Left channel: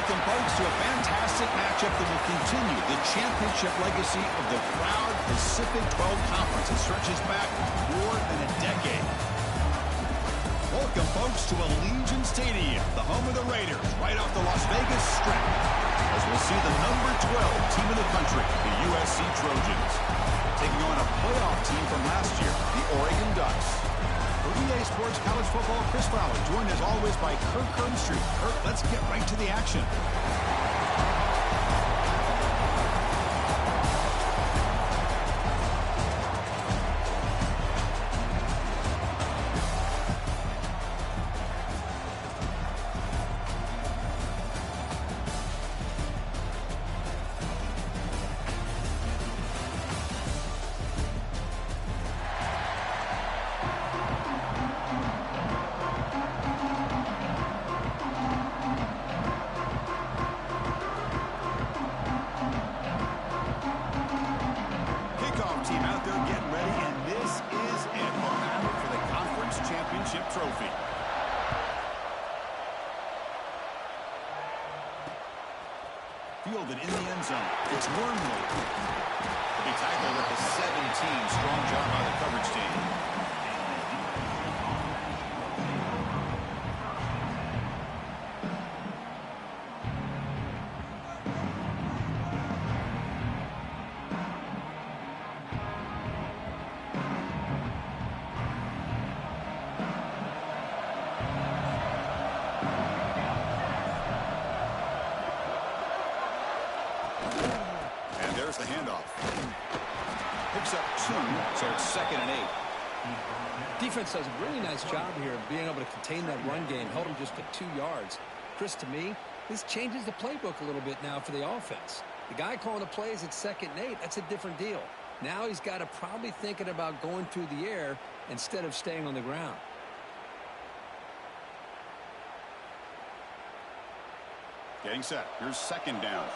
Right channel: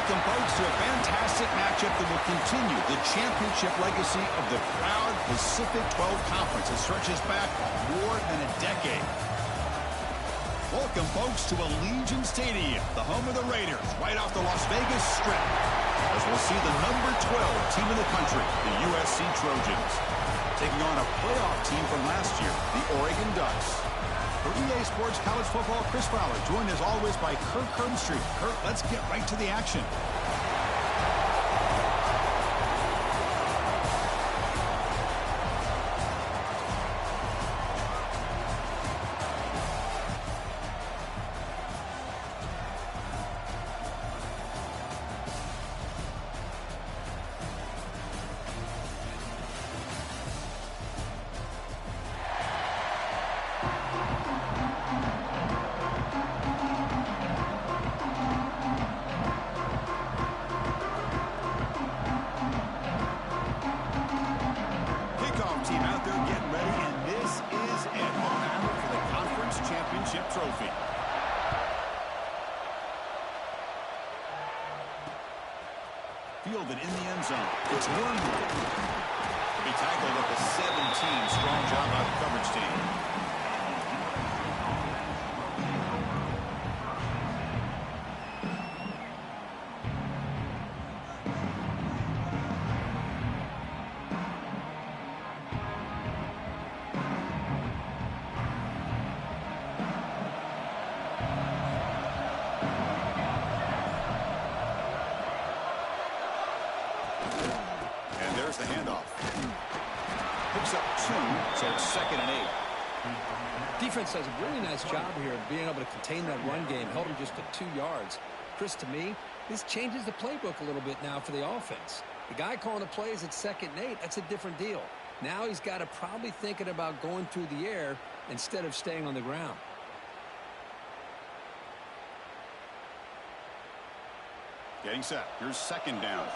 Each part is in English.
Welcome, folks, to a fantastic matchup that will continue the championship legacy of the proud Pacific 12 Conference that stretches back more than a decade. Welcome, folks, to Allegiant Stadium, the home of the Raiders, right off the Las Vegas Strip, as we'll see the number 12 team in the country, the USC Trojans, taking on a playoff team from last year, the Oregon Ducks. For EA Sports College Football, Chris Fowler, joined as always by Kirk Herbstreit. Kirk, let's get right to the action. Team out there getting ready, and this is it, a battle for the conference championship trophy. Fielded in the end zone. It's Wormley. He'll be tackled at the 17. Strong job by the coverage team. There's the handoff. Picks up 2, so it's 2nd and 8. Defense does a really nice job here of being able to contain that run game. Held him just to 2 yards. Chris, to me, this changes the playbook a little bit now for the offense. The guy calling the plays at 2nd and 8, that's a different deal. Now he's got to probably thinking about going through the air instead of staying on the ground. Getting set. Here's 2nd down.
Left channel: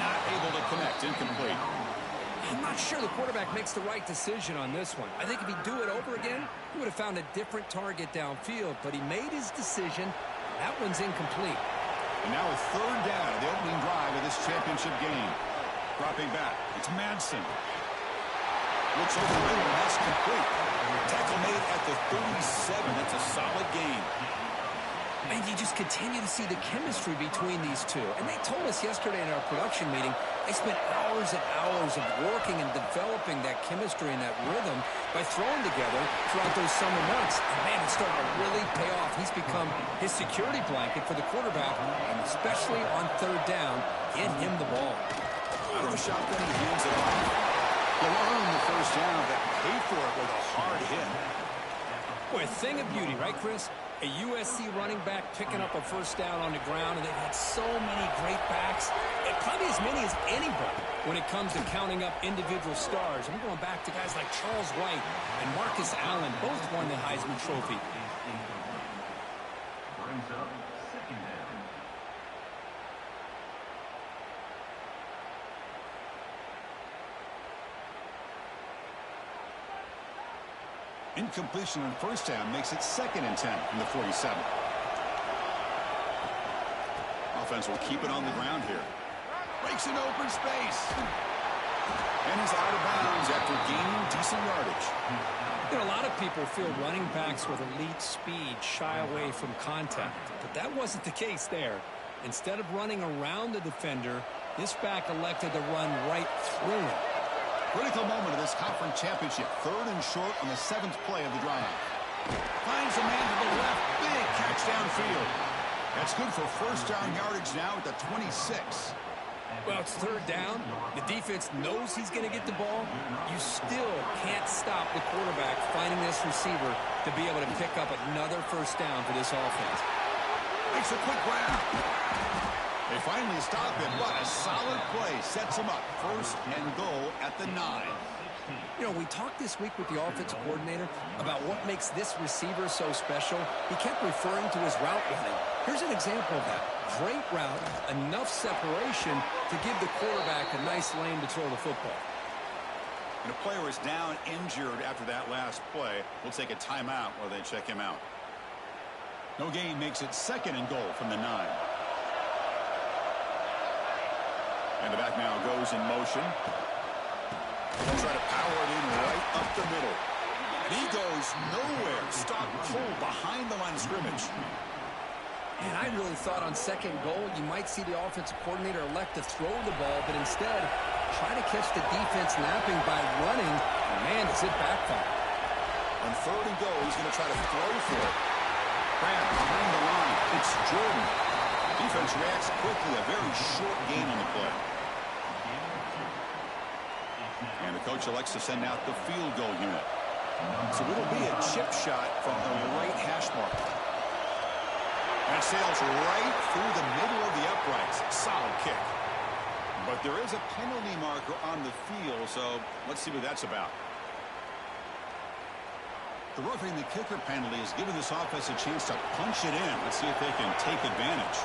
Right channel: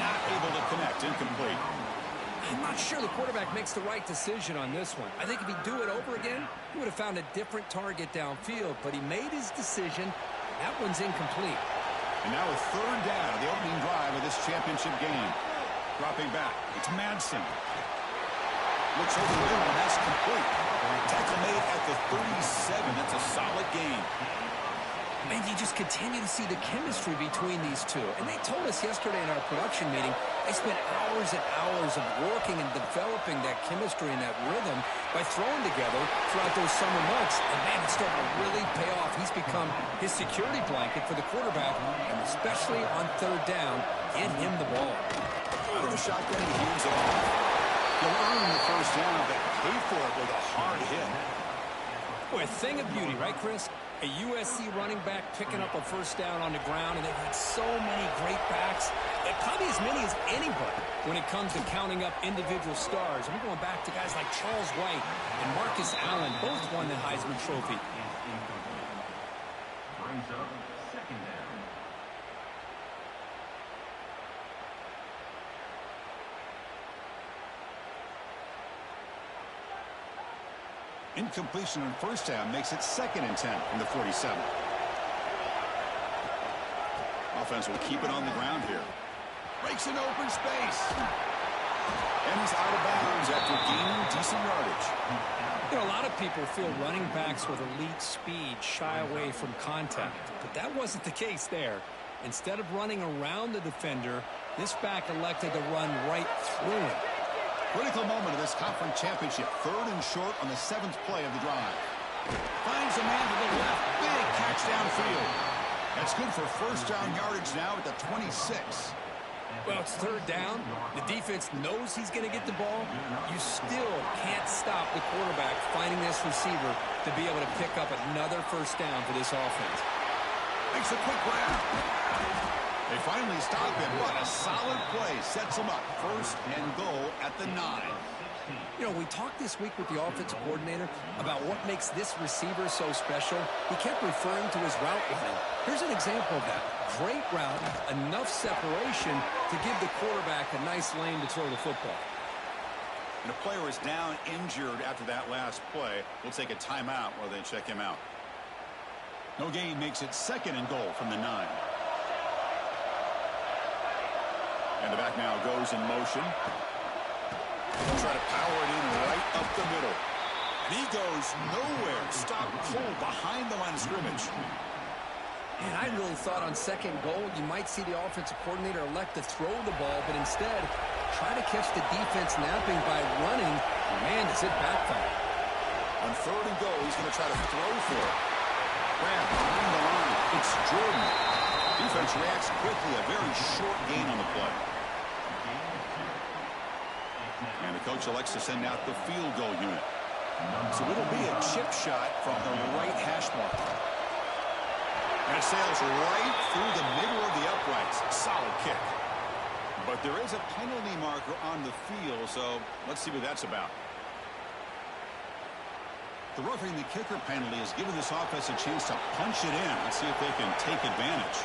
Not able to connect. Incomplete. I'm not sure the quarterback makes the right decision on this one. I think if he'd do it over again, he would have found a different target downfield. But he made his decision. That one's incomplete. And now a 3rd down of the opening drive of this championship game. Dropping back. It's Madsen. Looks over the middle, and that's complete. Tackle made at the 37. That's a solid gain. And you just continue to see the chemistry between these two. And they told us yesterday in our production meeting, they spent hours and hours of working and developing that chemistry and that rhythm by throwing together throughout those summer months. And, man, it's starting to really pay off. He's become his security blanket for the quarterback, and especially on 3rd down, get him the ball. Out of the shotgun, he hands it off. He'll earn the 1st down, but pay for it with a hard hit. Boy, a thing of beauty, right, Chris? A USC running back picking up a 1st down on the ground, and they've had so many great backs, and probably as many as anybody when it comes to counting up individual stars. I'm going back to guys like Charles White and Marcus Allen, both won the Heisman Trophy. Brings up 2nd down. Incompletion on 1st down makes it 2nd and 10 from the 47. Offense will keep it on the ground here. Breaks in open space. And he's out of bounds after gaining decent yardage. You know, a lot of people feel running backs with elite speed shy away from contact. But that wasn't the case there. Instead of running around the defender, this back elected to run right through him. Critical moment of this conference championship. 3rd and short on the 7th play of the drive. Finds a man to the left. Big catch downfield. That's good for 1st down yardage now at the 26. Well, it's 3rd down. The defense knows he's going to get the ball. You still can't stop the quarterback finding this receiver to be able to pick up another 1st down for this offense. Makes a quick grab. They finally stop him, but a solid play sets him up. 1st and goal at the 9. You know, we talked this week with the offensive coordinator about what makes this receiver so special. He kept referring to his route running. Here's an example of that. Great route, enough separation to give the quarterback a nice lane to throw the football. And a player is down injured after that last play. We'll take a timeout while they check him out. No gain makes it 2nd and goal from the 9. And the back now goes in motion. He'll try to power it in right up the middle. And he goes nowhere. Stop cold behind the line of scrimmage. And I really thought on 2nd goal you might see the offensive coordinator elect to throw the ball, but instead try to catch the defense napping by running. Man, does it backfire. On 3rd and goal, he's going to try to throw for it. Grab behind the line. It's Jordan. Defense reacts quickly. A very short gain on the play. And the coach elects to send out the field goal unit. So it'll be a chip shot from the right hash mark. And it sails right through the middle of the uprights. Solid kick. But there is a penalty marker on the field, so let's see what that's about. The roughing the kicker penalty has given this offense a chance to punch it in. Let's see if they can take advantage.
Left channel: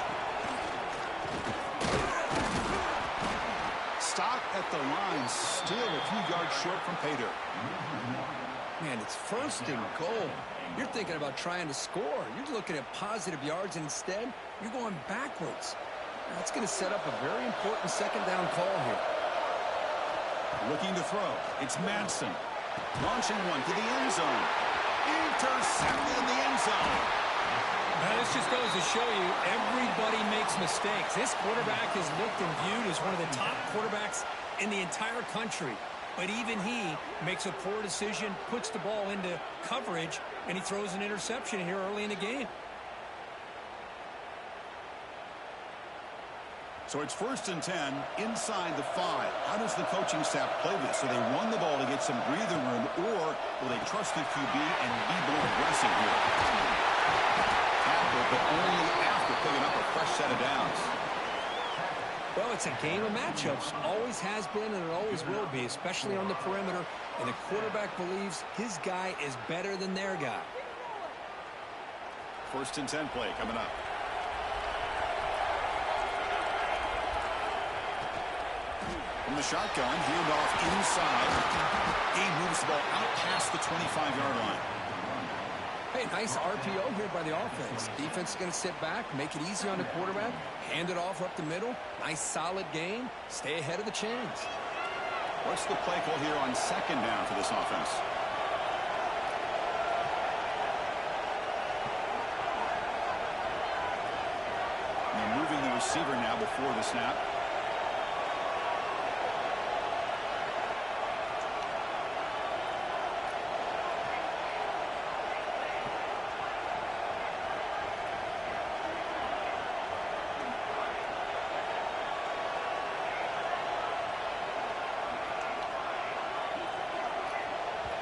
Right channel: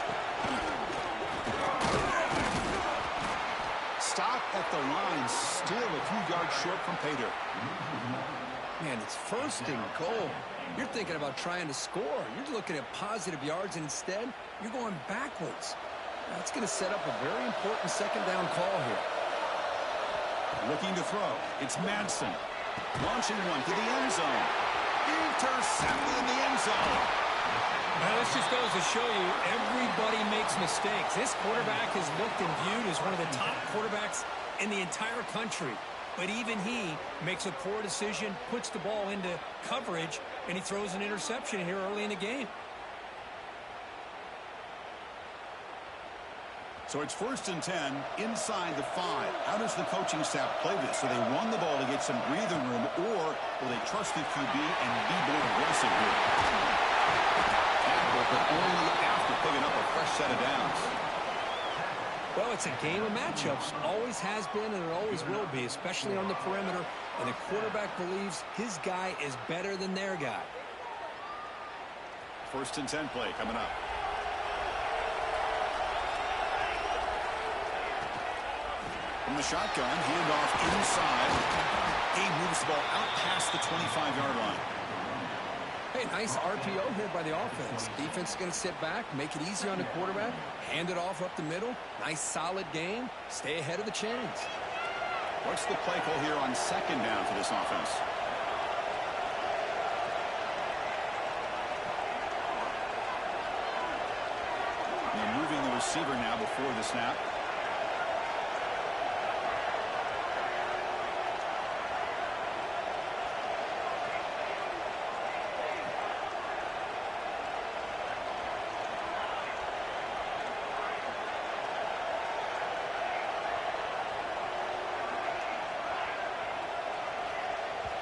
Stop at the line, still a few yards short from pay dirt. Man, it's 1st and goal. You're thinking about trying to score. You're looking at positive yards, and instead, you're going backwards. That's going to set up a very important 2nd down call here. Looking to throw. It's Madsen. Launching one to the end zone. Intercepted in the end zone. Now, this just goes to show you everybody makes mistakes. This quarterback is looked and viewed as one of the top quarterbacks in the entire country. But even he makes a poor decision, puts the ball into coverage, and he throws an interception here early in the game. So it's 1st and 10 inside the 5. How does the coaching staff play this? So they run the ball to get some breathing room, or will they trust the QB and be more aggressive here? Tackle, but only after picking up a fresh set of downs. Well, it's a game of matchups. Always has been, and it always will be, especially on the perimeter. And the quarterback believes his guy is better than their guy. 1st and 10 play coming up. From the shotgun, handoff inside. He moves the ball out past the 25-yard line. Hey, nice RPO here by the offense. Defense is going to sit back, make it easy on the quarterback, hand it off up the middle. Nice, solid game. Stay ahead of the chains. What's the play call here on 2nd down for this offense? And they're moving the receiver now before the snap.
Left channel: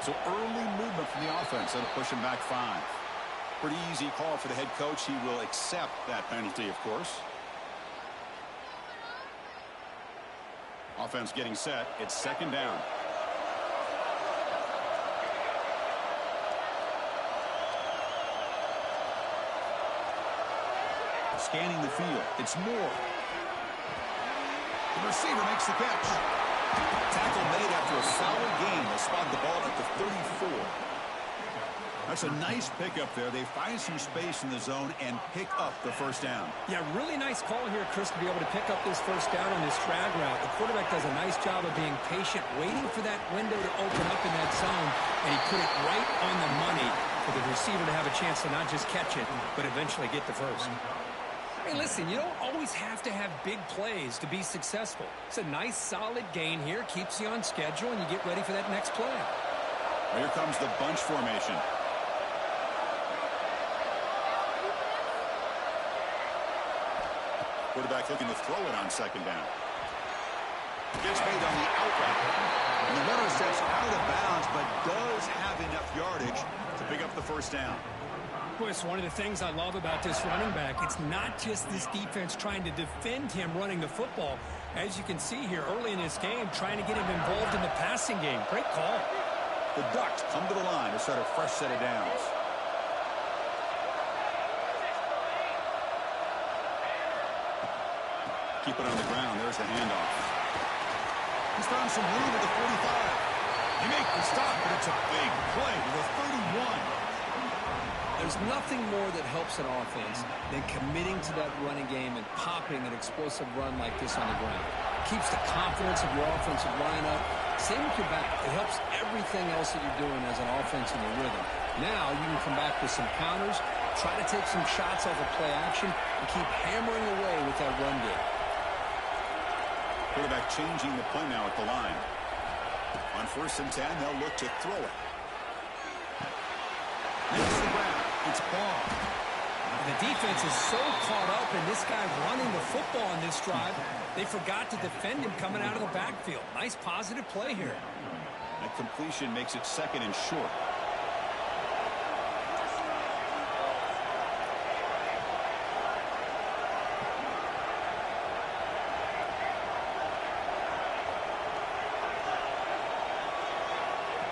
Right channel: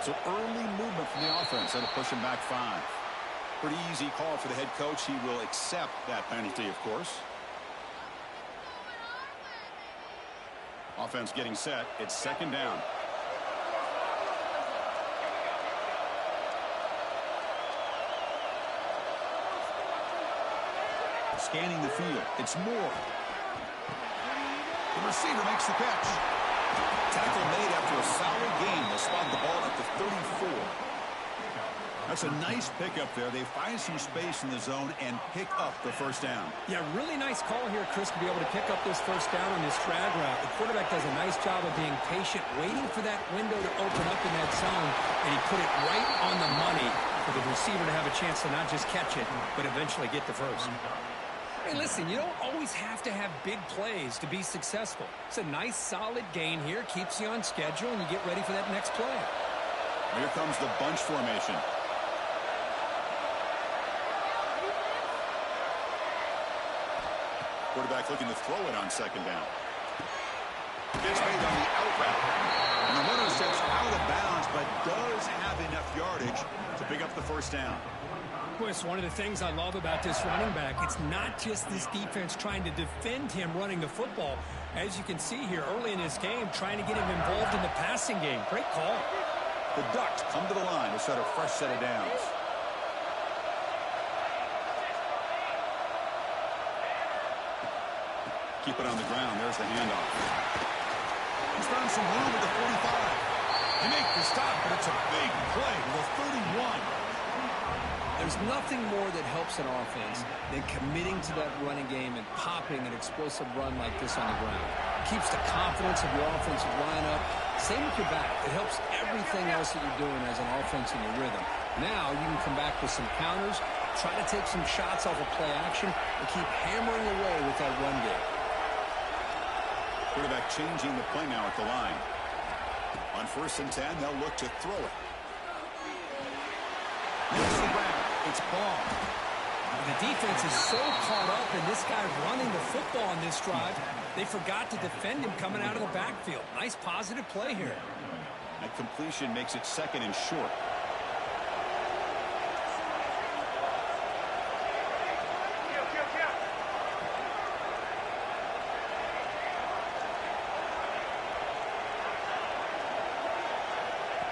So early movement from the offense. That'll push him back 5. Pretty easy call for the head coach. He will accept that penalty, of course. Offense getting set. It's 2nd down. Scanning the field. It's Moore. The receiver makes the catch. Tackle made after a solid gain. They spot the ball at the 34. That's a nice pickup there. They find some space in the zone and pick up the 1st down. Yeah, really nice call here, Chris, to be able to pick up this 1st down on this drag route. The quarterback does a nice job of being patient, waiting for that window to open up in that zone, and he put it right on the money for the receiver to have a chance to not just catch it, but eventually get the 1st. Hey, listen, you don't always have to have big plays to be successful. It's a nice, solid gain here, keeps you on schedule, and you get ready for that next play. Well, here comes the bunch formation. Quarterback looking to throw it on 2nd down. Gets made on the out route. And the runner steps out of bounds, but does have enough yardage to pick up the 1st down. Chris, one of the things I love about this running back, it's not just this defense trying to defend him running the football. As you can see here early in this game, trying to get him involved in the passing game. Great call. The Ducks come to the line to start a fresh set of downs. Keep it on the ground. There's the handoff. He's found some room at the 45. They make the stop, but it's a big play to the 31. There's nothing more that helps an offense than committing to that running game and popping an explosive run like this on the ground. Keeps the confidence of your offensive lineup. Same with your back. It helps everything else that you're doing as an offense in your rhythm. Now you can come back with some counters, try to take some shots off of play action, and keep hammering away with that run game. Quarterback changing the play now at the line. On 1st and 10, they'll look to throw it. Makes the grab. It's ball. The defense is so caught up in this guy running the football on this drive, they forgot to defend him coming out of the backfield. Nice positive play here. That completion makes it 2nd and short.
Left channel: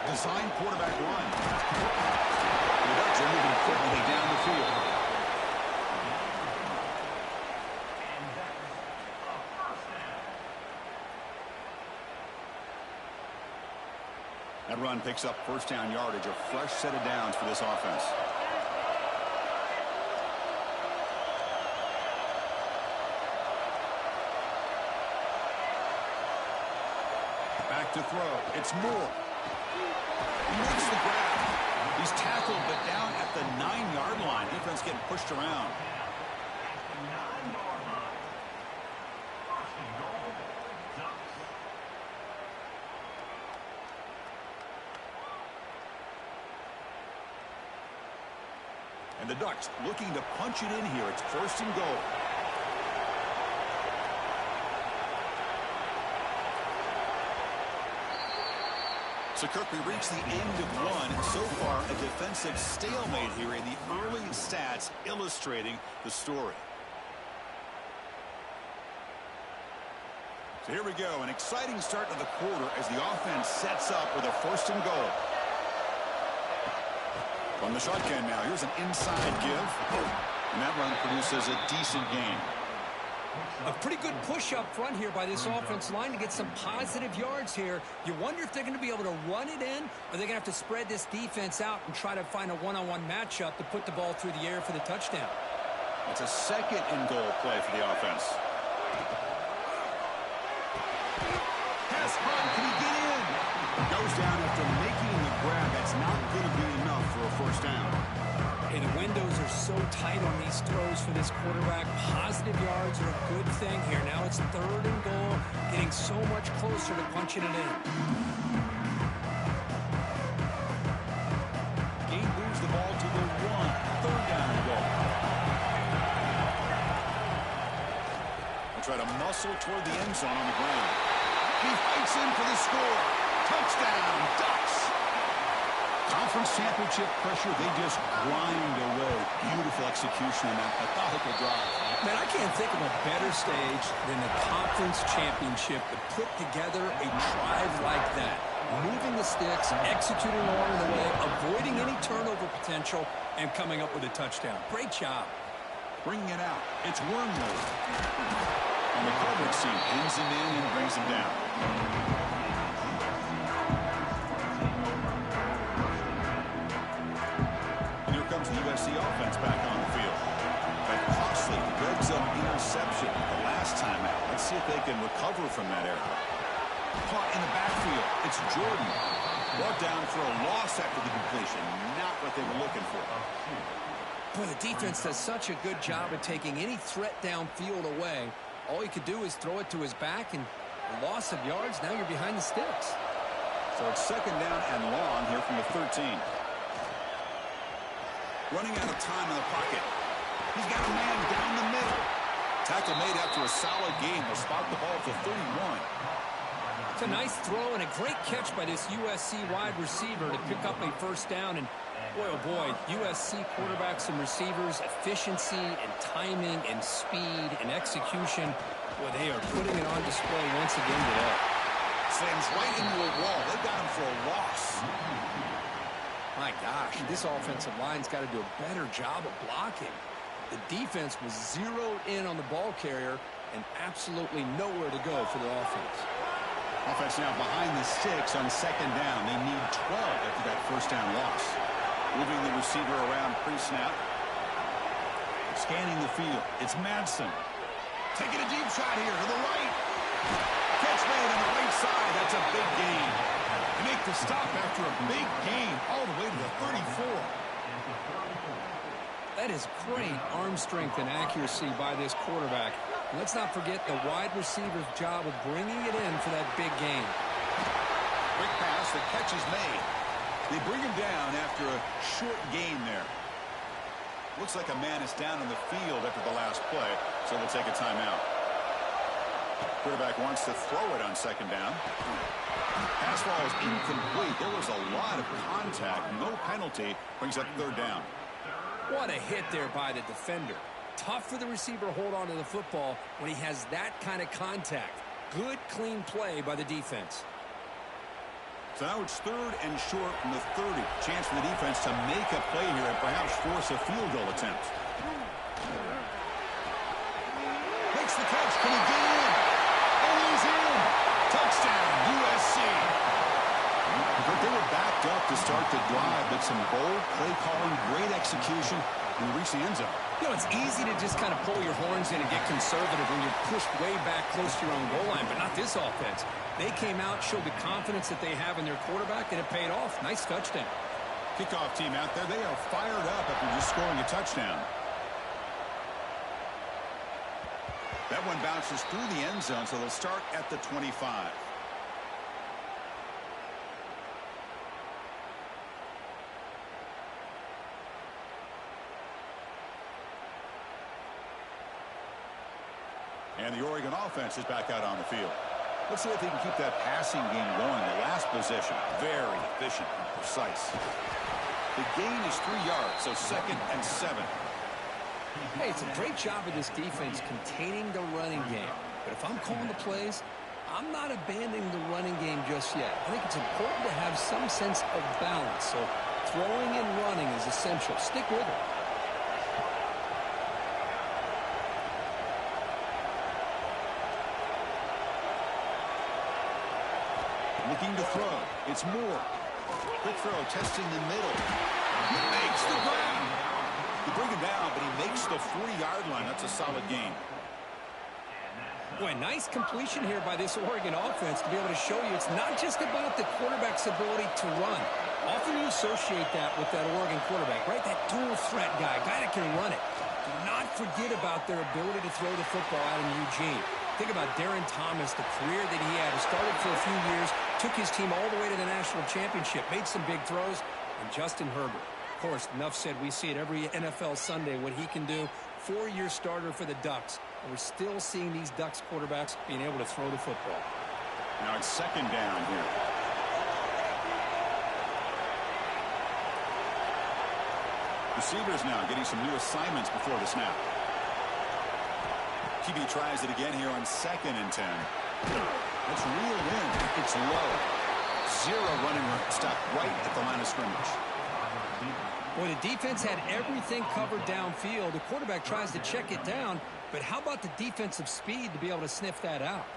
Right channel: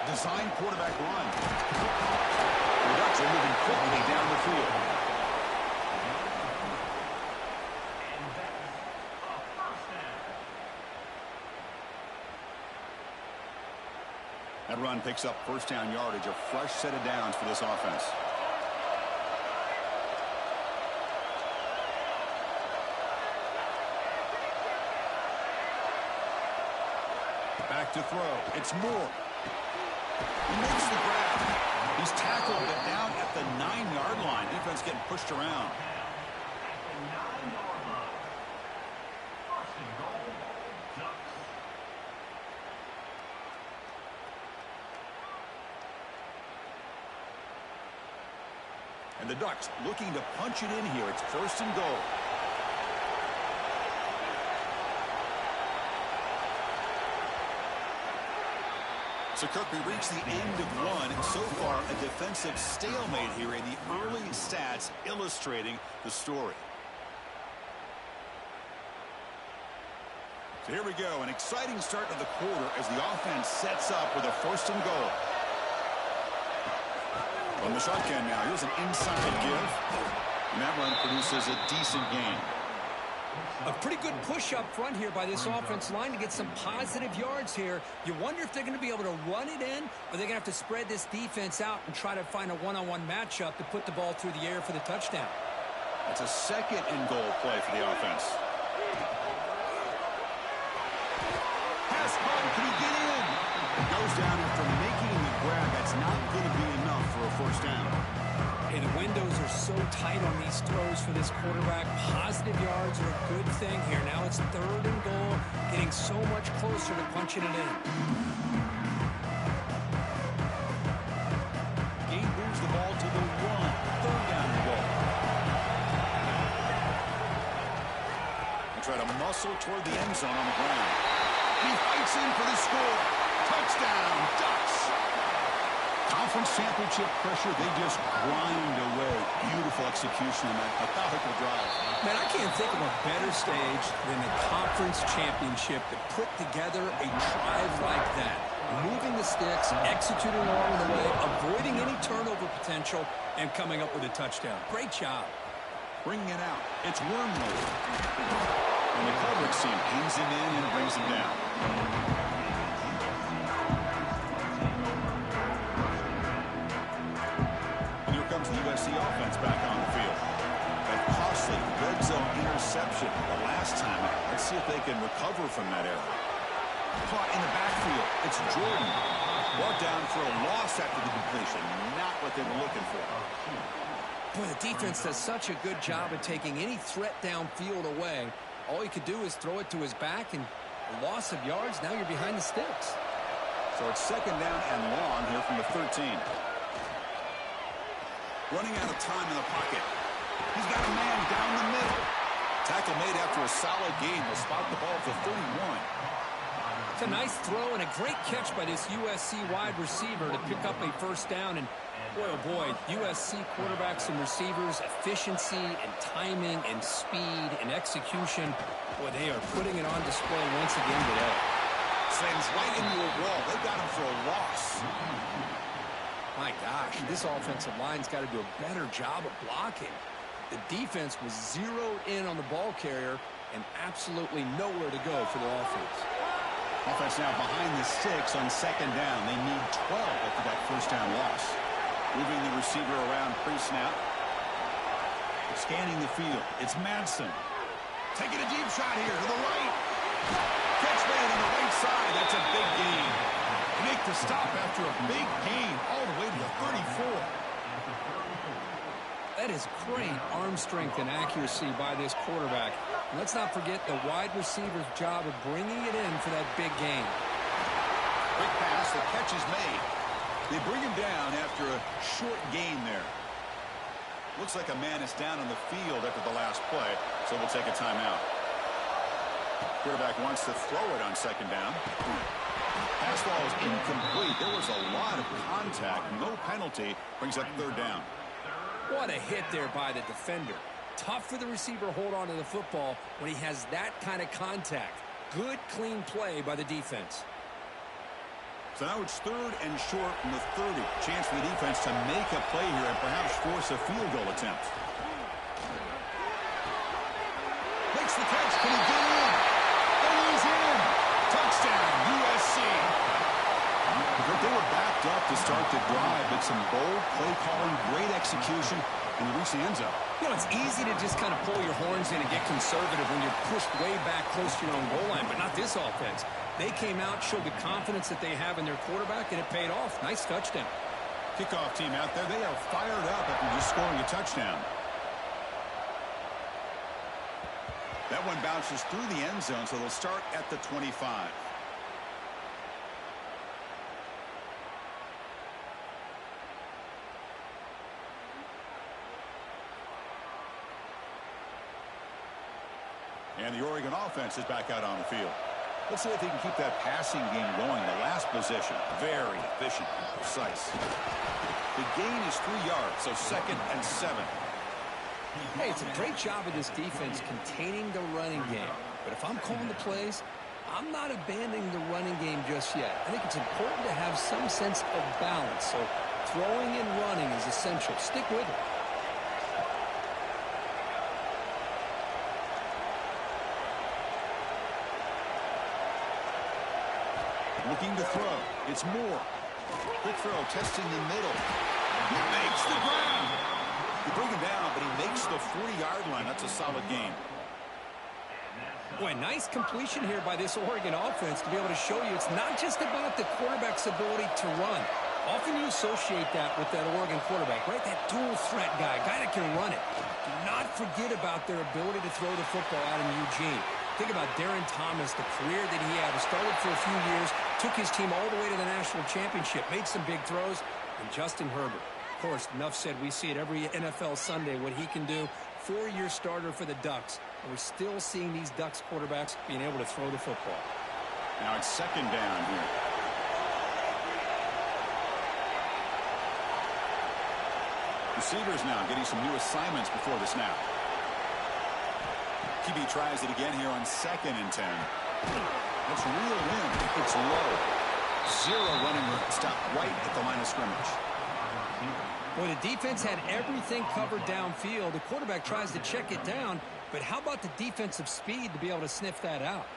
Design quarterback run. The Ducks are moving quickly down the field. And that's a first down. That run picks up 1st down yardage, a fresh set of downs for this offense. Back to throw. It's Moore. He makes the grab. He's tackled, but down at the 9-yard line. Defense getting pushed around. At the 9-yard line. 1st and goal. Ducks. And the Ducks looking to punch it in here. It's 1st and goal. So, Kirk, we reach the end of one. So far, a defensive stalemate here in the early stats illustrating the story. So here we go, an exciting start to the quarter as the offense sets up with a 1st and goal. From the shotgun now, here's an inside give. And that run produces a decent gain. A pretty good push up front here by this offense line to get some positive yards here. You wonder if they're going to be able to run it in, or they're going to have to spread this defense out and try to find a one-on-one matchup to put the ball through the air for the touchdown. That's a 2nd and goal play for the offense. Pass run, can he get in? Goes down after making the grab. That's not going to be enough for a 1st down. Hey, the windows are so tight on these throws for this quarterback. Positive yards are a good thing here. Now it's 3rd and goal, getting so much closer to punching it in. Gain moves the ball to the 1. 3rd down and goal. They try to muscle toward the end zone on the ground. And he fights in for the score. Touchdown, Ducks. Conference championship pressure, they just grind away. Beautiful execution on that methodical drive. Man, I can't think of a better stage than the conference championship to put together a drive like that. Moving the sticks, executing along the way, avoiding any turnover potential, and coming up with a touchdown. Great job. Bringing it out. It's Wormwood. And the coverage team pins him in and brings him down. Comes the USC offense back on the field. That costly red zone interception the last time out. Let's see if they can recover from that error. Caught in the backfield. It's Jordan. Brought down for a loss after the completion. Not what they were looking for. Boy, the defense does such a good job of taking any threat downfield away. All you could do is throw it to his back, and a loss of yards, now you're behind the sticks. So it's 2nd down and long here from the 13. Running out of time in the pocket. He's got a man down the middle. Tackle made after a solid gain. They'll spot the ball at the 31. It's a nice throw and a great catch by this USC wide receiver to pick up a 1st down. And boy, oh boy, USC quarterbacks and receivers, efficiency and timing and speed and execution. Boy, they are putting it on display once again today. Slams right into a wall. They got him for a loss. My gosh, this offensive line's got to do a better job of blocking. The defense was zeroed in on the ball carrier and absolutely nowhere to go for the offense. Offense now behind the 6 on second down. They need 12 after that first down loss. Moving the receiver around pre-snap. Scanning the field. It's Madsen. Taking a deep shot here to the right. Catch made on the right side. That's a big gain. They make the stop after a big gain all the way to the 34. That is great arm strength and accuracy by this quarterback. And let's not forget the wide receiver's job of bringing it in for that big gain. Quick pass. The catch is made. They bring him down after a short gain there. Looks like a man is down on the field after the last play, so we'll take a timeout. Quarterback wants to throw it on second down. Pass ball is incomplete. There was a lot of contact. No penalty. Brings up third down. What a hit there by the defender. Tough for the receiver to hold on to the football when he has that kind of contact. Good, clean play by the defense. So now it's third and short from the 30. Chance for the defense to make a play here and perhaps force a field goal attempt. Makes the catch. Can he get in? And he's in. Touchdown, USC. They were backed up to start the drive, but some bold play calling, great execution, and they reach the end zone. You know, it's easy to just kind of pull your horns in and get conservative when you're pushed way back close to your own goal line, but not this offense. They came out, showed the confidence that they have in their quarterback, and it paid off. Nice touchdown. Kickoff team out there. They are fired up after just scoring a touchdown. That one bounces through the end zone, so they'll start at the 25. And the Oregon offense is back out on the field. Let's see if they can keep that passing game going. The last possession, very efficient and precise. The gain is 3 yards, so 2nd and 7. Hey, it's a great job of this defense containing the running game. But if I'm calling the plays, I'm not abandoning the running game just yet. I think it's important to have some sense of balance. So throwing and running is essential. Stick with it. Looking to throw. It's Moore. Quick throw, testing the middle. He makes the ground. You bring him down, but he makes the 40-yard line. That's a solid gain. Boy, nice completion here by this Oregon offense to be able to show you it's not just about the quarterback's ability to run. Often you associate that with that Oregon quarterback, right? That dual threat guy that can run it. Do not forget about their ability to throw the football out in Eugene. Think about Darren Thomas, the career that he had. He started for a few years, took his team all the way to the national championship, made some big throws, and Justin Herbert. Of course, enough said, we see it every NFL Sunday what he can do. 4-year starter for the Ducks, and we're still seeing these Ducks quarterbacks being able to throw the football. Now it's 2nd down here. Receivers now getting some new assignments before the snap. QB tries it again here on 2nd and 10. That's reeled in. It's low. 0 running room. Stop right at the line of scrimmage. Well, the defense had everything covered downfield. The quarterback tries to check it down, but how about the defensive speed to be able to sniff that out?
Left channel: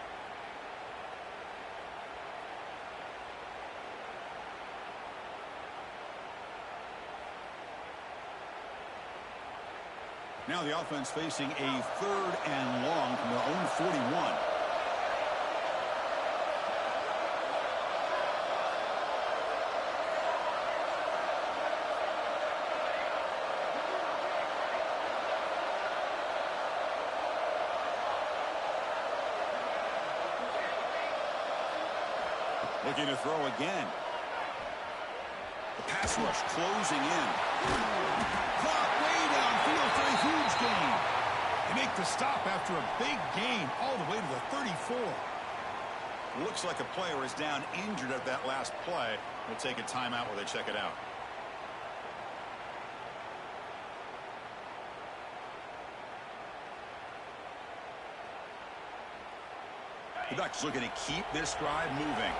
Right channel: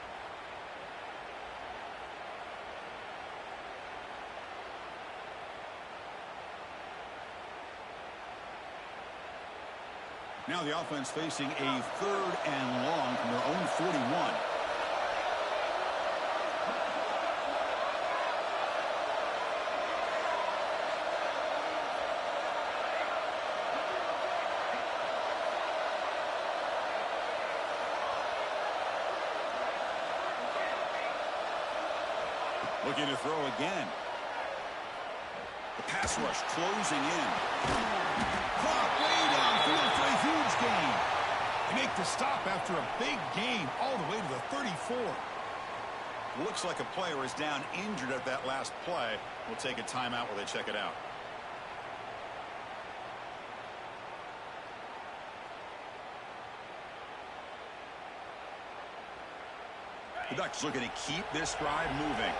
Now the offense facing a 3rd and long from their own 41. Looking to throw again. The pass rush closing in. Caught way downfield for a huge gain. They make the stop after a big gain all the way to the 34. Looks like a player is down injured at that last play. We'll take a timeout while they check it out. The Ducks looking to keep this drive moving.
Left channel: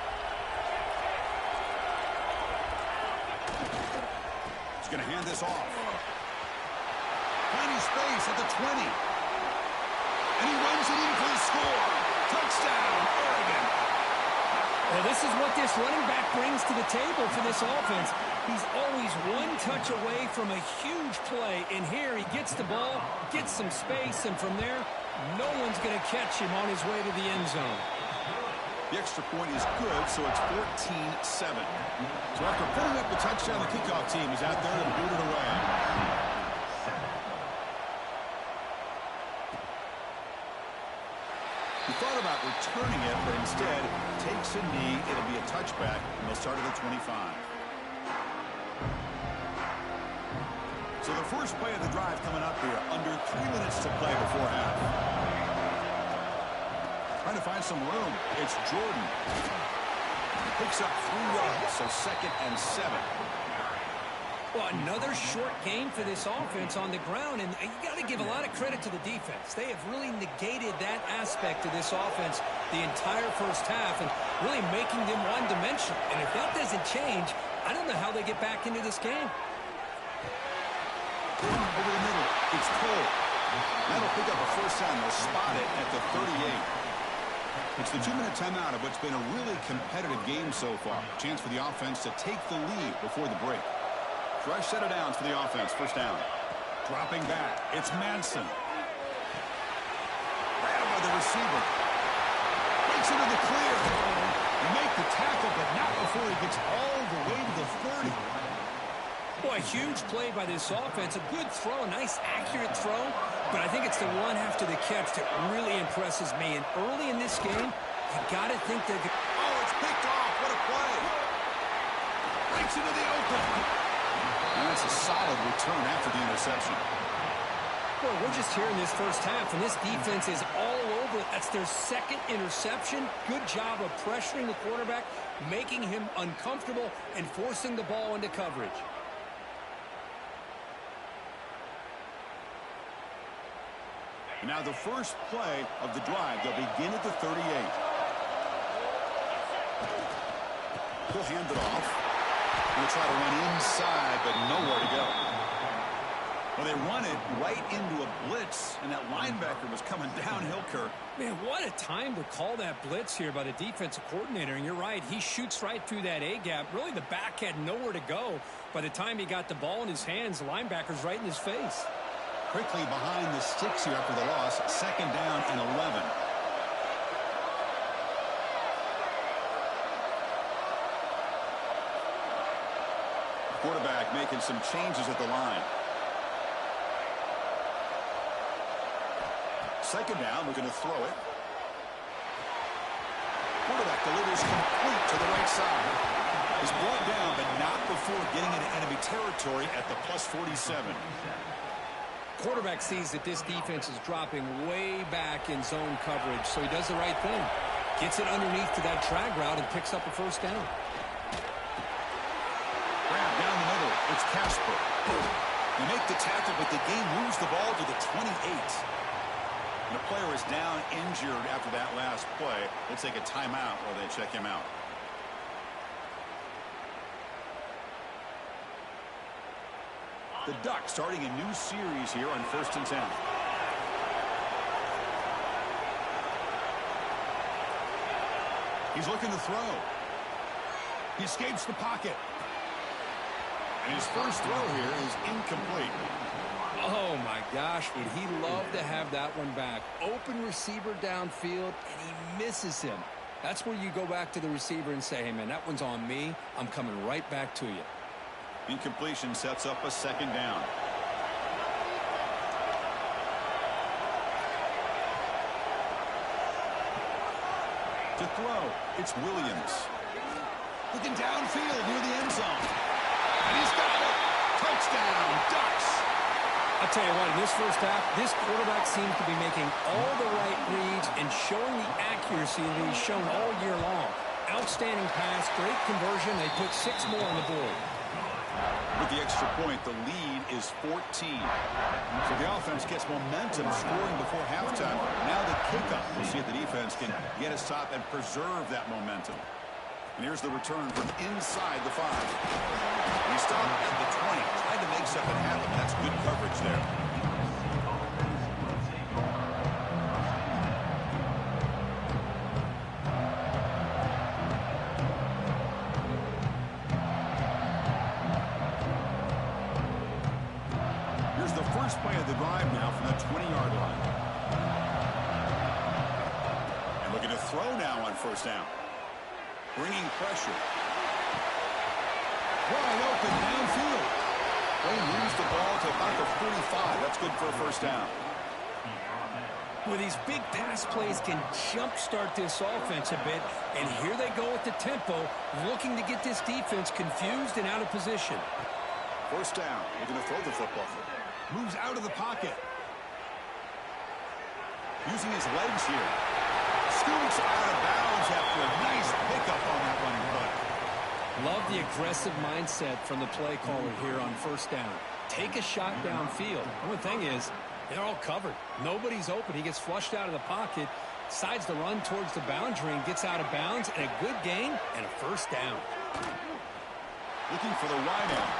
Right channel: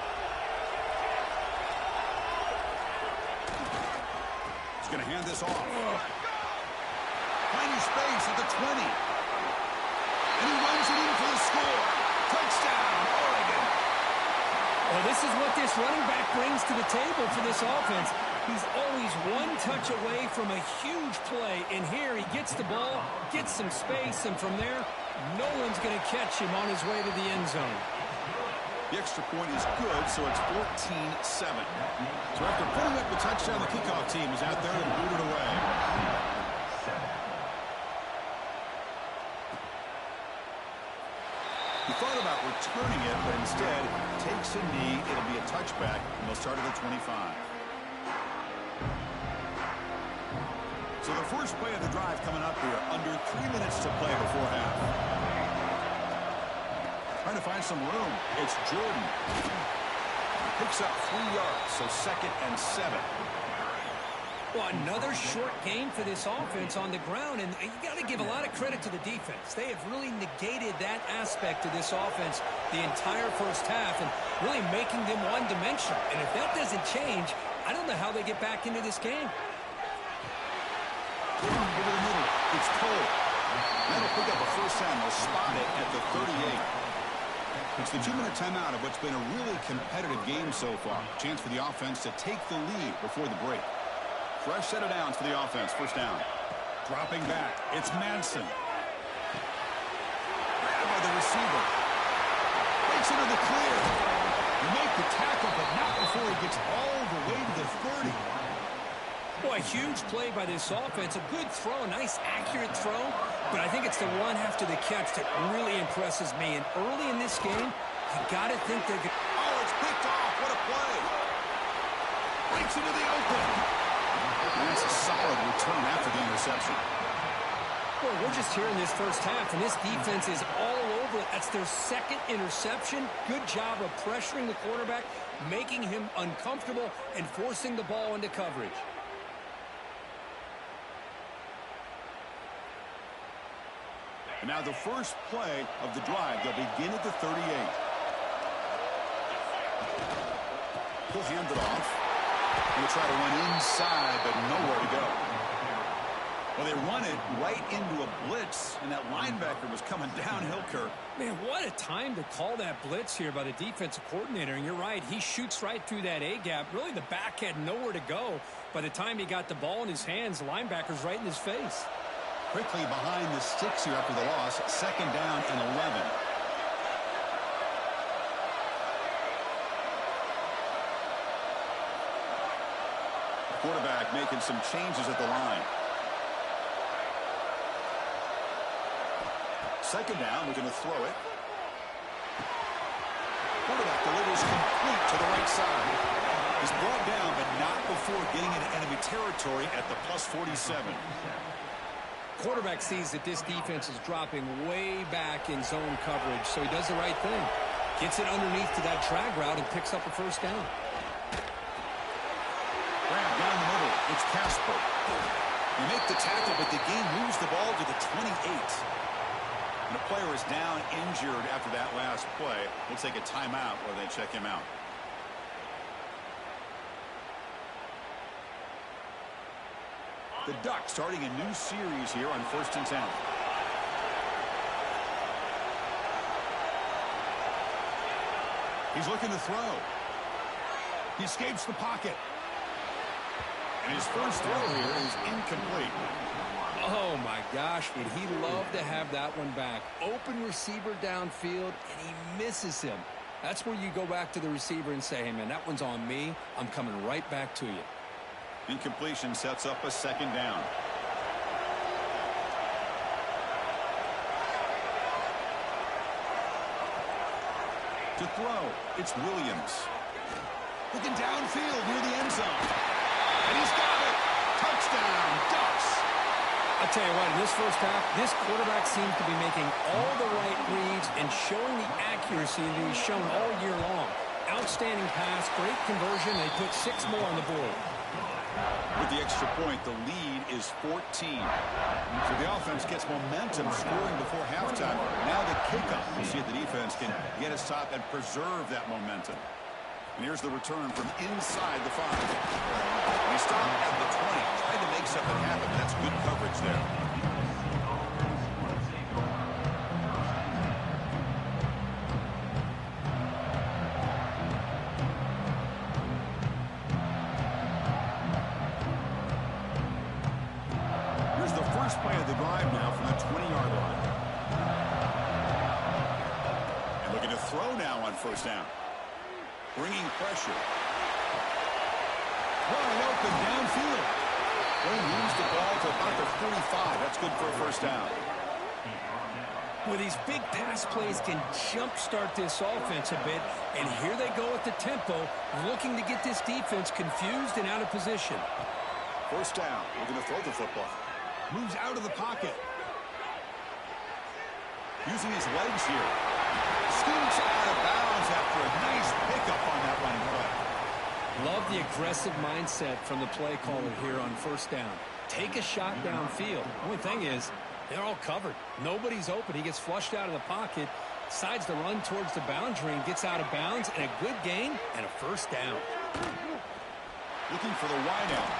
He's going to hand this off. Finding space at the 20. And he runs it in for the score. Touchdown, Oregon. Well, this is what this running back brings to the table for this offense. He's always one touch away from a huge play, and here he gets the ball, gets some space, and from there, no one's going to catch him on his way to the end zone. The extra point is good, so it's 14-7. So after putting up the touchdown, the kickoff team is out there and booted away. He thought about returning it, but instead takes a knee. It'll be a touchback, and they'll start at the 25. So the first play of the drive coming up here, under 3 minutes to play before half. Trying to find some room. It's Jordan. Picks up 3 yards, so 2nd and 7. Well, another short game for this offense on the ground, and you got to give a lot of credit to the defense. They have really negated that aspect of this offense the entire first half and really making them one-dimensional. And if that doesn't change, I don't know how they get back into this game. Over the middle, it's Cole. That'll pick up a first down. They'll spot it at the 38. It's the 2-minute timeout of what's been a really competitive game so far. Chance for the offense to take the lead before the break. Fresh set of downs for the offense. First down. Dropping back. It's Manson. Grabbed by the receiver. Breaks into the clear. They make the tackle, but not before he gets all the way to the 30. Boy, a huge play by this offense. A good throw, a nice accurate throw. But I think it's the run after the catch that really impresses me. And early in this game, you got to think they're going to... Oh, it's picked off. What a play. Breaks into the open. And that's a solid return after the interception. Boy, we're just here in this first half, and this defense is all over it. That's their 2nd interception. Good job of pressuring the quarterback, making him uncomfortable, and forcing the ball into coverage. And now the first play of the drive. They'll begin at the 38. He'll hand it off. He'll try to run inside, but nowhere to go. Well, they run it right into a blitz, and that linebacker was coming downhill, Kirk. Man, what a time to call that blitz here by the defensive coordinator. And you're right, he shoots right through that A-gap. Really, the back had nowhere to go. By the time he got the ball in his hands, the linebacker's right in his face. Quickly behind the sticks here after the loss. 2nd down and 11. Quarterback making some changes at the line. 2nd down, looking to throw it. Quarterback delivers complete to the right side. He's brought down, but not before getting into enemy territory at the plus 47. Quarterback sees that this defense is dropping way back in zone coverage, so he does the right thing. Gets it underneath to that drag route and picks up a first down. Grab down the middle. It's Casper. They make the tackle, but the game moves the ball to the 28. And a player is down injured after that last play. We'll take a timeout while they check him out. The Ducks starting a new series here on 1st and 10. He's looking to throw. He escapes the pocket. And his first throw here is incomplete. Oh, my gosh, would he love to have that one back. Open receiver downfield, and he misses him. That's where you go back to the receiver and say, hey, man, that one's on me. I'm coming right back to you. Incompletion sets up a 2nd down. To throw, it's Williams. Looking downfield near the end zone. And he's got it. Touchdown, Ducks. I'll tell you what, in this first half, this quarterback seems to be making all the right reads and showing the accuracy that he's shown all year long. Outstanding pass, great conversion. They put 6 more on the board. With the extra point, the lead is 14. So the offense gets momentum scoring before halftime. Now the kickoff. We'll see if the defense can get a stop and preserve that momentum. And here's the return from inside the 5. And he stopped at the 20. Tried to make something happen. That's good coverage there. Here's the first play of the drive now from the 20-yard line. And looking to throw now on first down. Bringing pressure. Wide open downfield. Well, he moves the ball to about the 45. That's good for a first down. Well, these big pass plays can jumpstart this offense a bit, and here they go with the tempo, looking to get this defense confused and out of position. First down. We're going to throw the football. Moves out of the pocket. Using his legs here. Scoots out of bounds after a nice pickup on that running play. Love the aggressive mindset from the play caller here on first down. Take a shot downfield. The only thing is, they're all covered. Nobody's open. He gets flushed out of the pocket, decides to run towards the boundary and gets out of bounds, and a good gain and a first down. Looking for the wideout.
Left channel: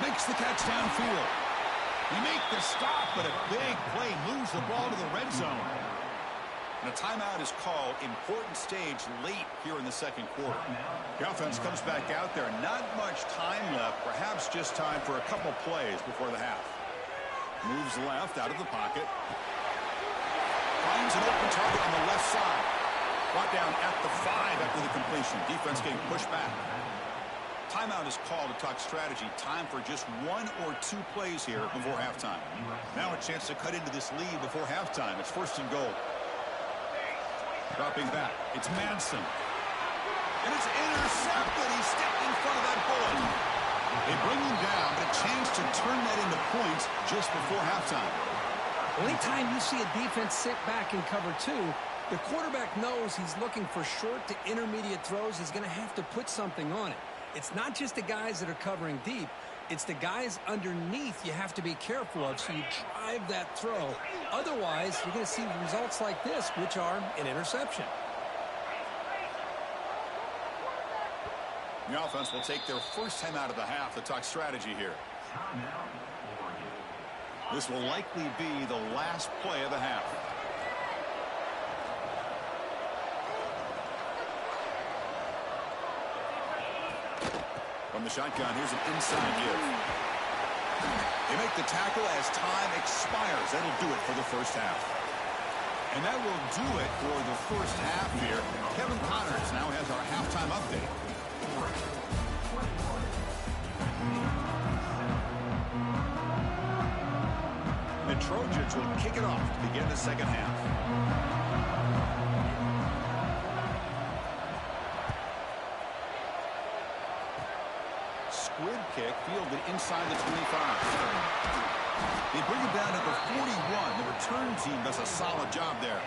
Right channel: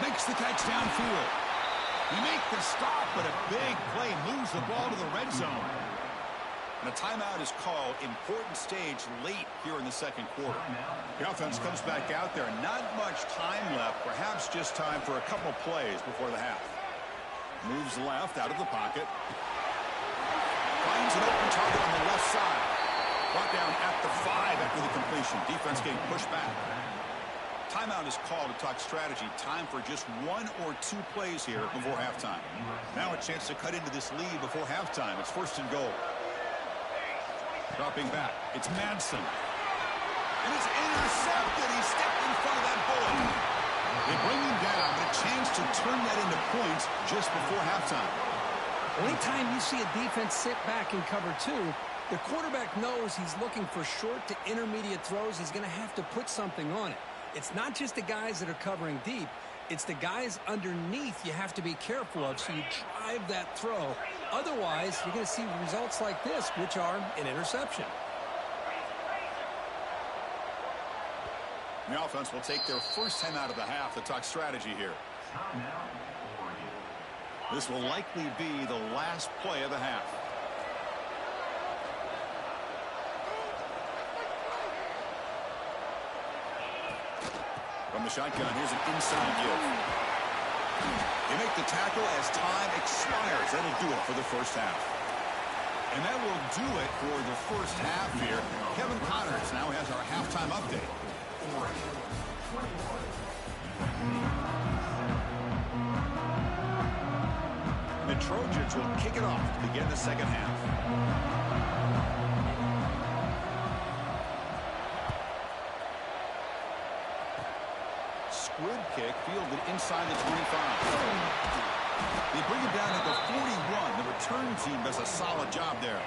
Makes the catch downfield. He make the stop, but a big play moves the ball to the red zone. And a timeout is called. Important stage late here in the second quarter. The offense comes back out there. Not much time left. Perhaps just time for a couple plays before the half. Moves left out of the pocket. Finds an open target on the left side. Brought down at the 5 after the completion. Defense getting pushed back. Timeout is called to talk strategy. Time for just 1 or 2 plays here before halftime. Now a chance to cut into this lead before halftime. It's first and goal. Dropping back. It's Madsen. And it's intercepted. He stepped in front of that bullet. They bring him down, but a chance to turn that into points just before halftime. Anytime you see a defense sit back in cover 2, the quarterback knows he's looking for short to intermediate throws. He's going to have to put something on it. It's not just the guys that are covering deep. It's the guys underneath you have to be careful of, so you drive that throw. Otherwise, you're going to see results like this, which are an interception. The offense will take their first time out of the half to talk strategy here. This will likely be the last play of the half. From the shotgun, here's an inside give. They make the tackle as time expires. That'll do it for the first half. And that will do it for the first half here. Kevin Connors now has our halftime update. The Trojans will kick it off to begin the second half. Squib kick fielded inside the 25. They bring it down to the 41. The return team does a solid job there.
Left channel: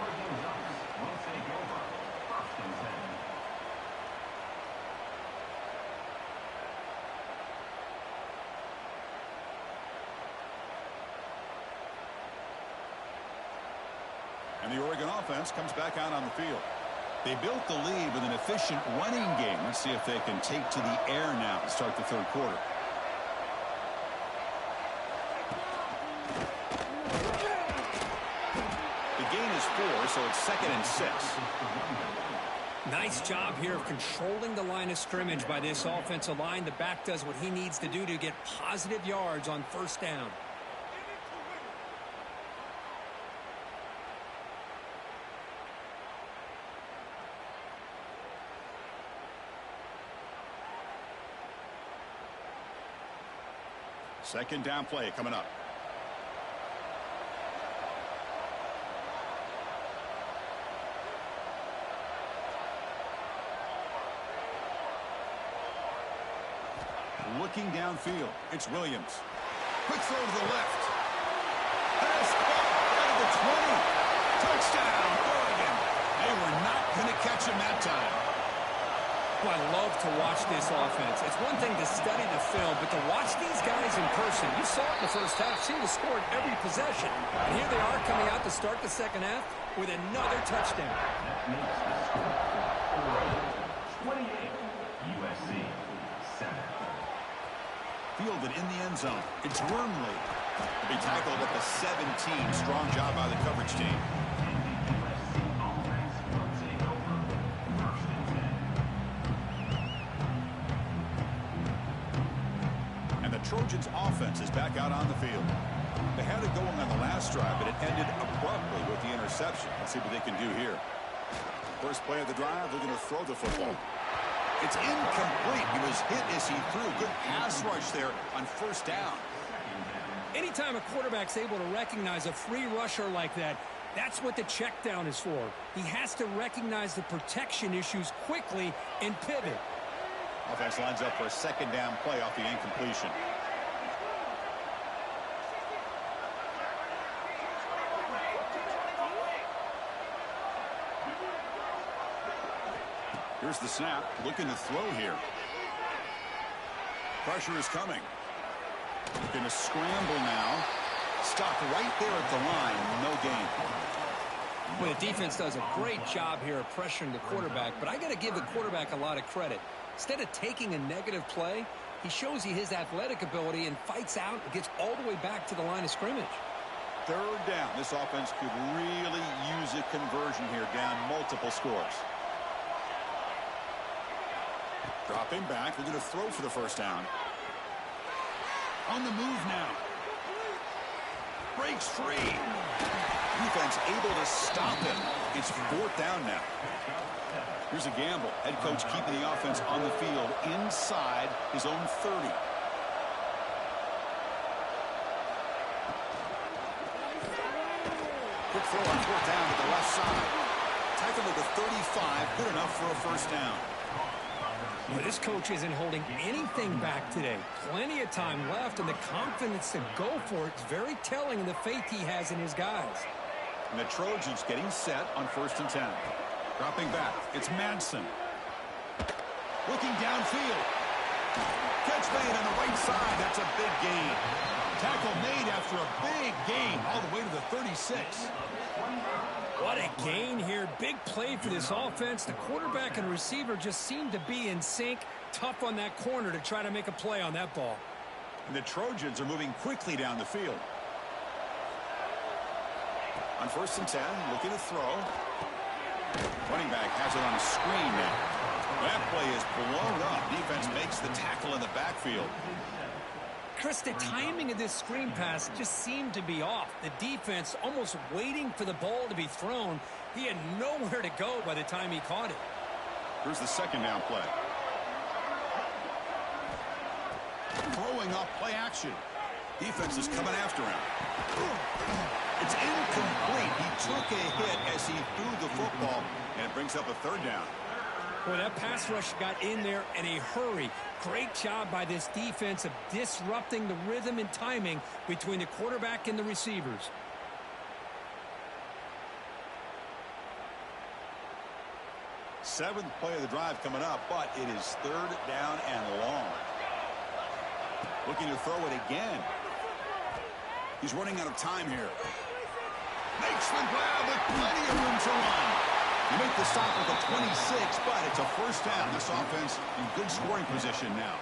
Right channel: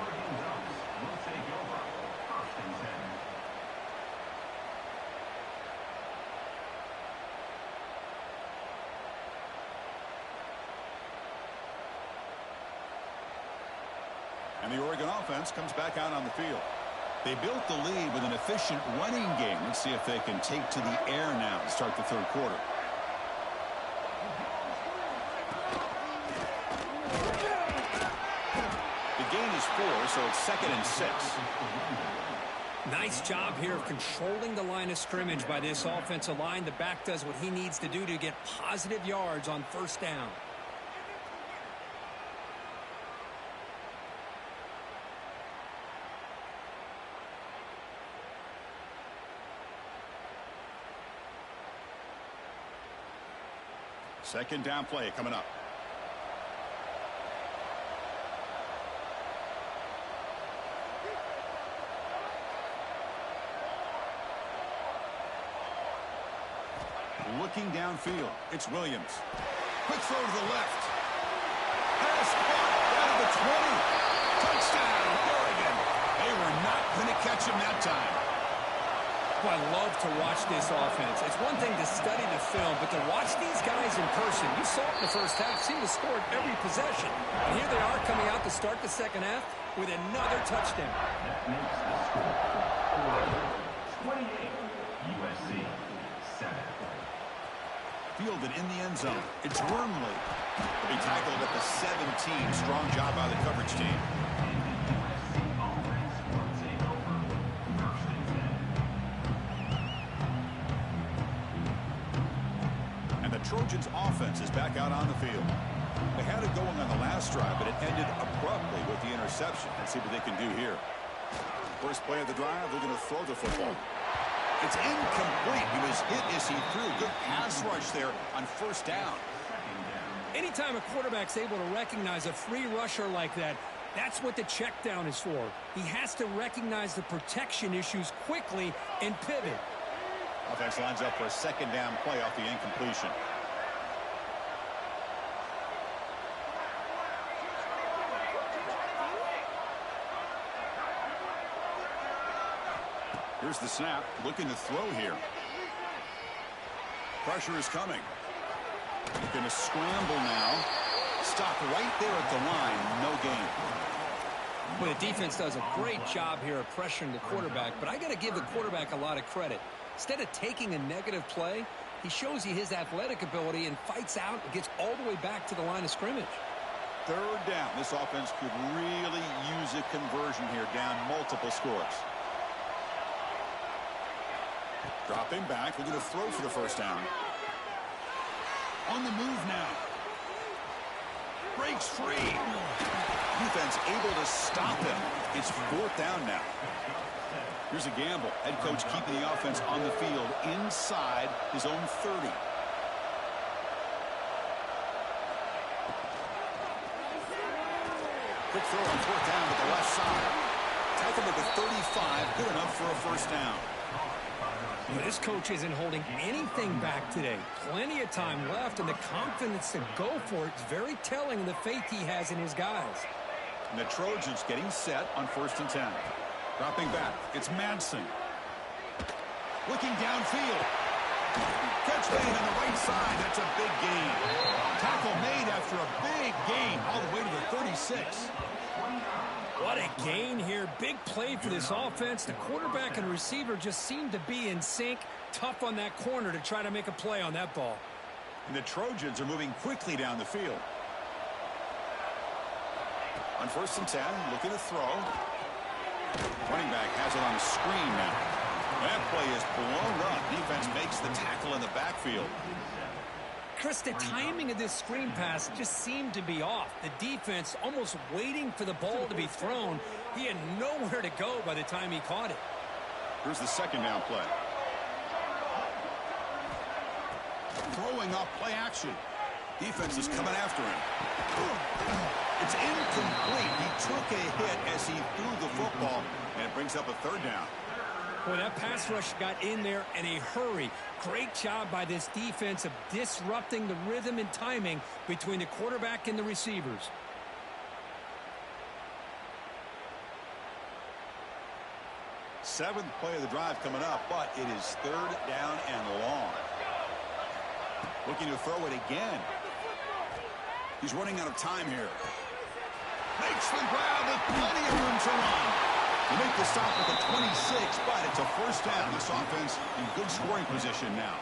Oregon Ducks will take over first and 10. And the Oregon offense comes back out on the field. They built the lead with an efficient running game. Let's see if they can take to the air now to start the third quarter. The gain is 4, so it's 2nd and 6. Nice job here of controlling the line of scrimmage by this offensive line. The back does what he needs to do to get positive yards on first down. Second down play coming up. Looking downfield, it's Williams. Quick throw to the left. Pass caught out of the 20. Touchdown, Oregon. They were not going to catch him that time. Well, I love to watch this offense. It's one thing to study the film, but to watch these guys in person, you saw it in the first half, seemed to score every possession. And here they are coming out to start the second half with another touchdown. That makes the score Oregon 28, USC 7. Fielded in the end zone. It's Wormley. He'll be tackled at the 17. Strong job by the coverage team. USC offense will take over first and 10. And the Trojans offense is back out on the field. They had it going on the last drive, but it ended abruptly with the interception. Let's see what they can do here. First play of the drive, they're going to throw the football. It's incomplete. He was hit as he threw. Good pass rush there on first down. Anytime a quarterback's able to recognize a free rusher like that, that's what the check down is for. He has to recognize the protection issues quickly and pivot. Offense lines up for a second down play off the incompletion. Here's the snap, looking to throw here. Pressure is coming. He's going to scramble now. Stop right there at the line. No gain. Well, the defense does a great job here of pressuring the quarterback, but I got to give the quarterback a lot of credit. Instead of taking a negative play, he shows you his athletic ability and fights out and gets all the way back to the line of scrimmage. Third down. This offense could really use a conversion here, down multiple scores. Dropping back, they're going to throw for the first down. On the move now. Breaks free. Defense able to stop him. It's fourth down now. Here's a gamble. Head coach keeping the offense on the field inside his own 30. Quick throw on fourth down to the left side. Tackle at the 35. Good enough for a first down. Well, this coach isn't holding anything back today. Plenty of time left, and the confidence to go for it is very telling in the faith he has in his guys. And the Trojans getting set on 1st and 10. Dropping back. It's Madsen. Looking downfield. Catch made on the right side. That's a big gain. Tackle made after a big gain all the way to the 36. What a gain here. Big play for this offense. The quarterback and receiver just seem to be in sync. Tough on that corner to try to make a play on that ball. And the Trojans are moving quickly down the field. On 1st and 10, looking to throw. Running back has it on a screen now. That play is blown up. Defense makes the tackle in the backfield. Chris, the timing of this screen pass just seemed to be off. The defense almost waiting for the ball to be thrown. He had nowhere to go by the time he caught it. Here's the second down play. Throwing off play action. Defense is coming after him. It's incomplete. He took a hit as he threw the football, and it brings up a third down. Boy, that pass rush got in there in a hurry. Great job by this defense of disrupting the rhythm and timing between the quarterback and the receivers. Seventh play of the drive coming up, but it is third down and long. Looking to throw it again. He's running out of time here. Makes the grab with plenty of room to run. You make the stop at the 26, but it's a first down. This offense in good scoring position now.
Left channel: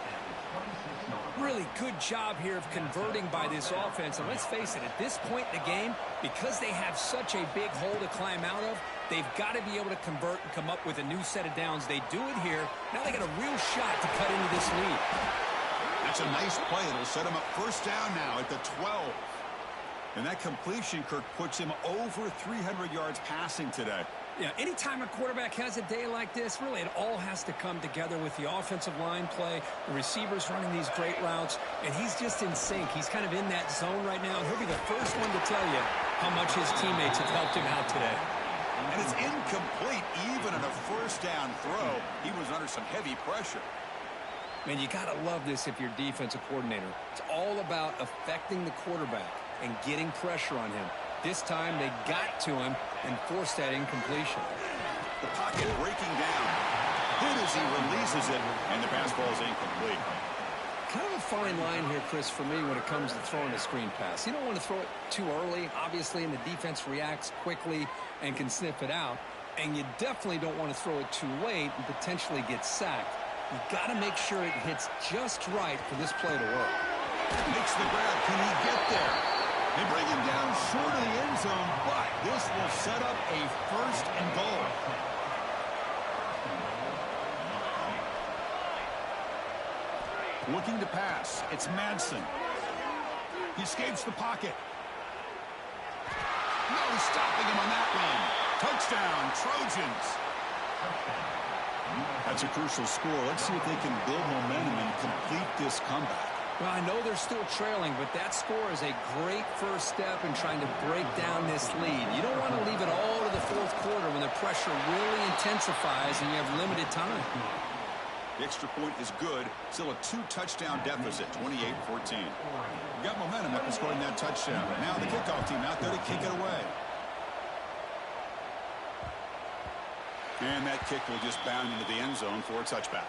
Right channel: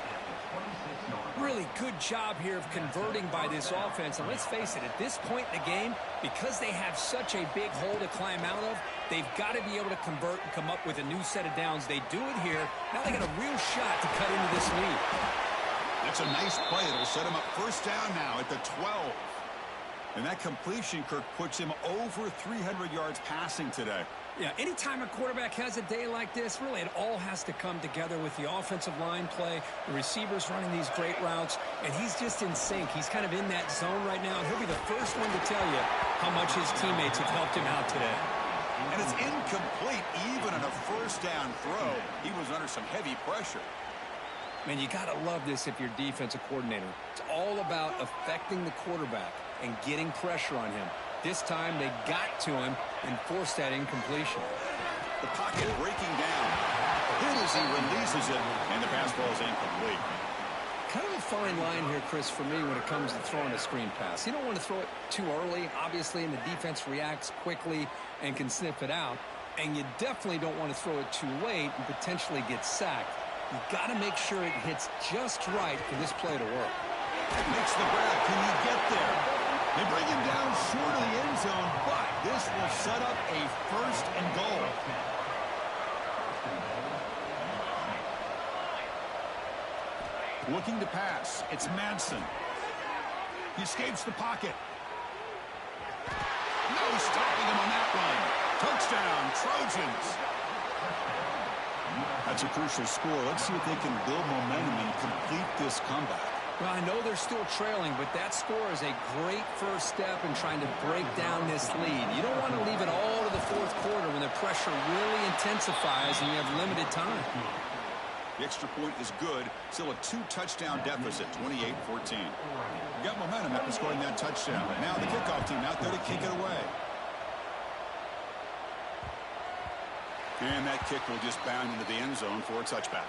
Really good job here of converting by this offense. And let's face it, at this point in the game, because they have such a big hole to climb out of, they've got to be able to convert and come up with a new set of downs. They do it here. Now they got a real shot to cut into this lead. That's a nice play. It'll set him up first down now at the 12. And that completion, Kirk, puts him over 300 yards passing today. Yeah, anytime a quarterback has a day like this, really it all has to come together with the offensive line play, the receivers running these great routes, and he's just in sync. He's kind of in that zone right now, and he'll be the first one to tell you how much his teammates have helped him out today. And it's incomplete even on a first down throw. He was under some heavy pressure. Man, you got to love this if you're defensive coordinator. It's all about affecting the quarterback and getting pressure on him. This time they got to him and forced that incompletion. The pocket breaking down. Hit as he releases it, and the pass ball is incomplete. Kind of a fine line here, Chris, for me when it comes to throwing a screen pass. You don't want to throw it too early, obviously, and the defense reacts quickly and can sniff it out. And you definitely don't want to throw it too late and potentially get sacked. You got to make sure it hits just right for this play to work. Makes the grab. Can he get there? They bring him down short of the end zone, but this will set up a first and goal. Looking to pass. It's Madsen. He escapes the pocket. No stopping him on that run. Touchdown, Trojans. That's a crucial score. Let's see if they can build momentum and complete this comeback. Well, I know they're still trailing, but that score is a great first step in trying to break down this lead. You don't want to leave it all to the fourth quarter when the pressure really intensifies and you have limited time. The extra point is good. Still a 2-touchdown deficit, 28-14. We got momentum after scoring that touchdown. Now the kickoff team out there to kick it away. And that kick will just bound into the end zone for a touchback.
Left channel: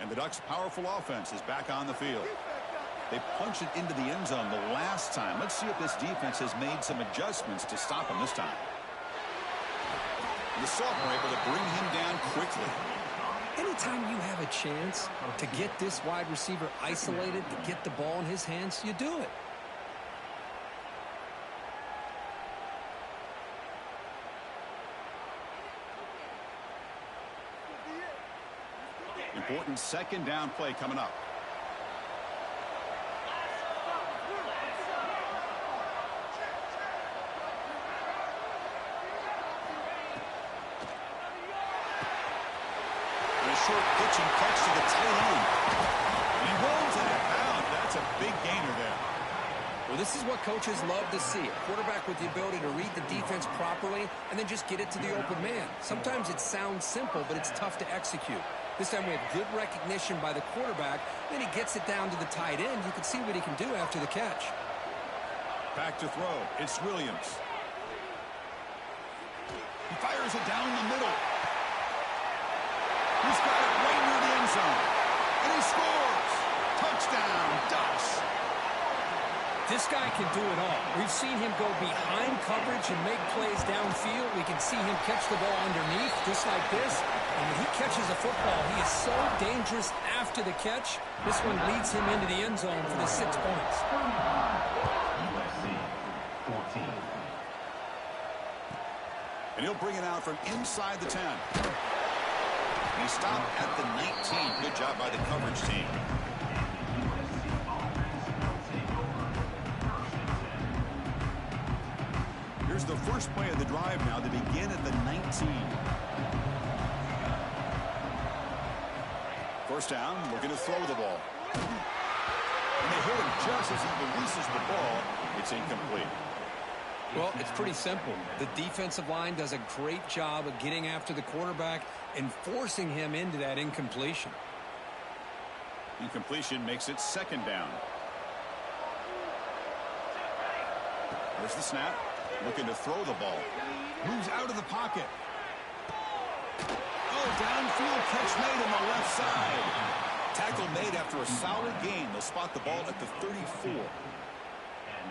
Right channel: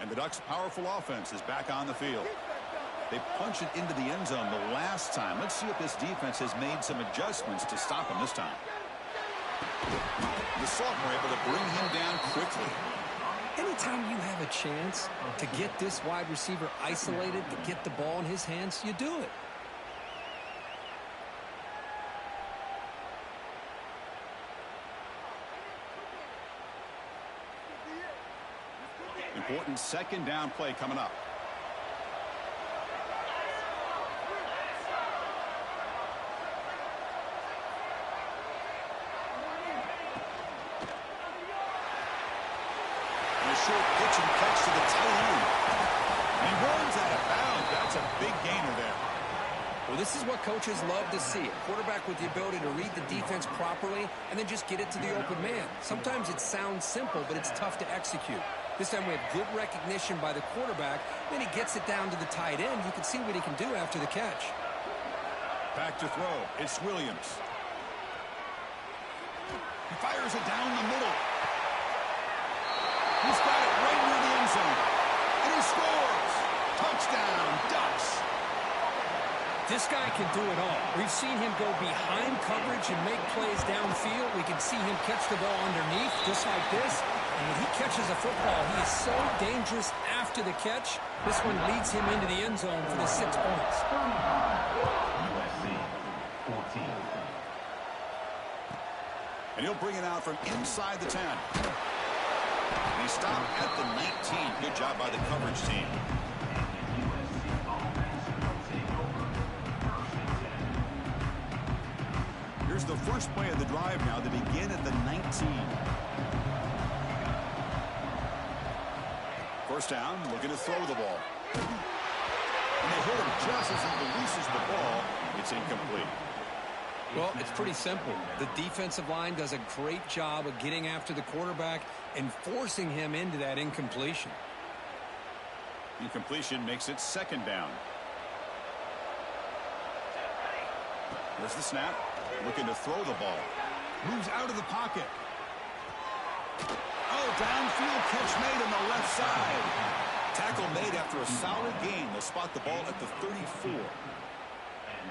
And the Ducks' powerful offense is back on the field. They punched it into the end zone the last time. Let's see if this defense has made some adjustments to stop him this time. The sophomore able to bring him down quickly. Anytime you have a chance to get this wide receiver isolated, to get the ball in his hands, you do it. Important second down play coming up. And a short pitch and catch to the tight end. And he runs out of bounds. That's a big gainer there. Well, this is what coaches love to see. A quarterback with the ability to read the defense properly and then just get it to the open man. Sometimes it sounds simple, but it's tough to execute. This time we have good recognition by the quarterback. Then he gets it down to the tight end. You can see what he can do after the catch. Back to throw. It's Williams. He fires it down the middle. He's got it right near the end zone. And he scores. Touchdown, Ducks. This guy can do it all. We've seen him go behind coverage and make plays downfield. We can see him catch the ball underneath just like this. And when he catches a football, he is so dangerous after the catch. This one leads him into the end zone for the 6 points. USC 14. And he'll bring it out from inside the 10. And he stopped at the 19. Good job by the coverage team. Here's the first play of the drive now. They begin at the 19. First down, looking to throw the ball. And they hit him just as he releases the ball. It's incomplete. Well, it's pretty simple. The defensive line does a great job of getting after the quarterback and forcing him into that incompletion. Incompletion makes it second down. There's the snap. Looking to throw the ball. Moves out of the pocket. Oh, downfield catch made on the left side. Tackle made after a solid gain. They'll spot the ball at the 34.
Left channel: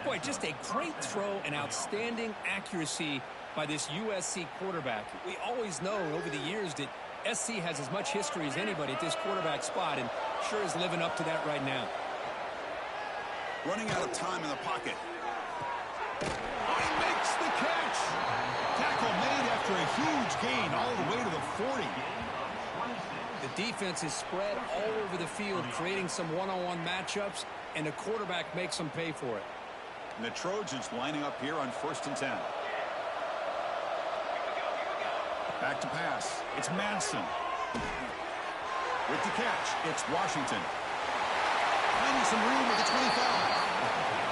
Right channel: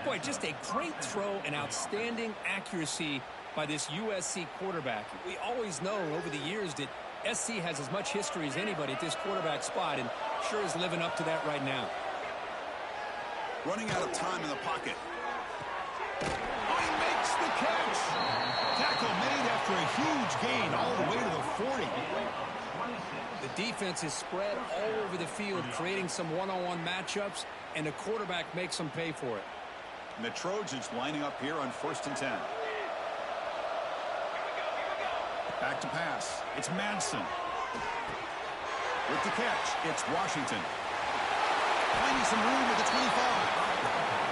Boy, just a great throw and outstanding accuracy by this USC quarterback. We always know over the years that SC has as much history as anybody at this quarterback spot, and sure is living up to that right now. Running out of time in the pocket. Oh, he makes the catch. Tackle made after a huge gain all the way to the 40. The defense is spread all over the field, creating some one-on-one matchups, and the quarterback makes them pay for it. And the Trojans lining up here on 1st and 10. Back to pass. It's Madsen. With the catch, it's Washington. Finding some room with the 25.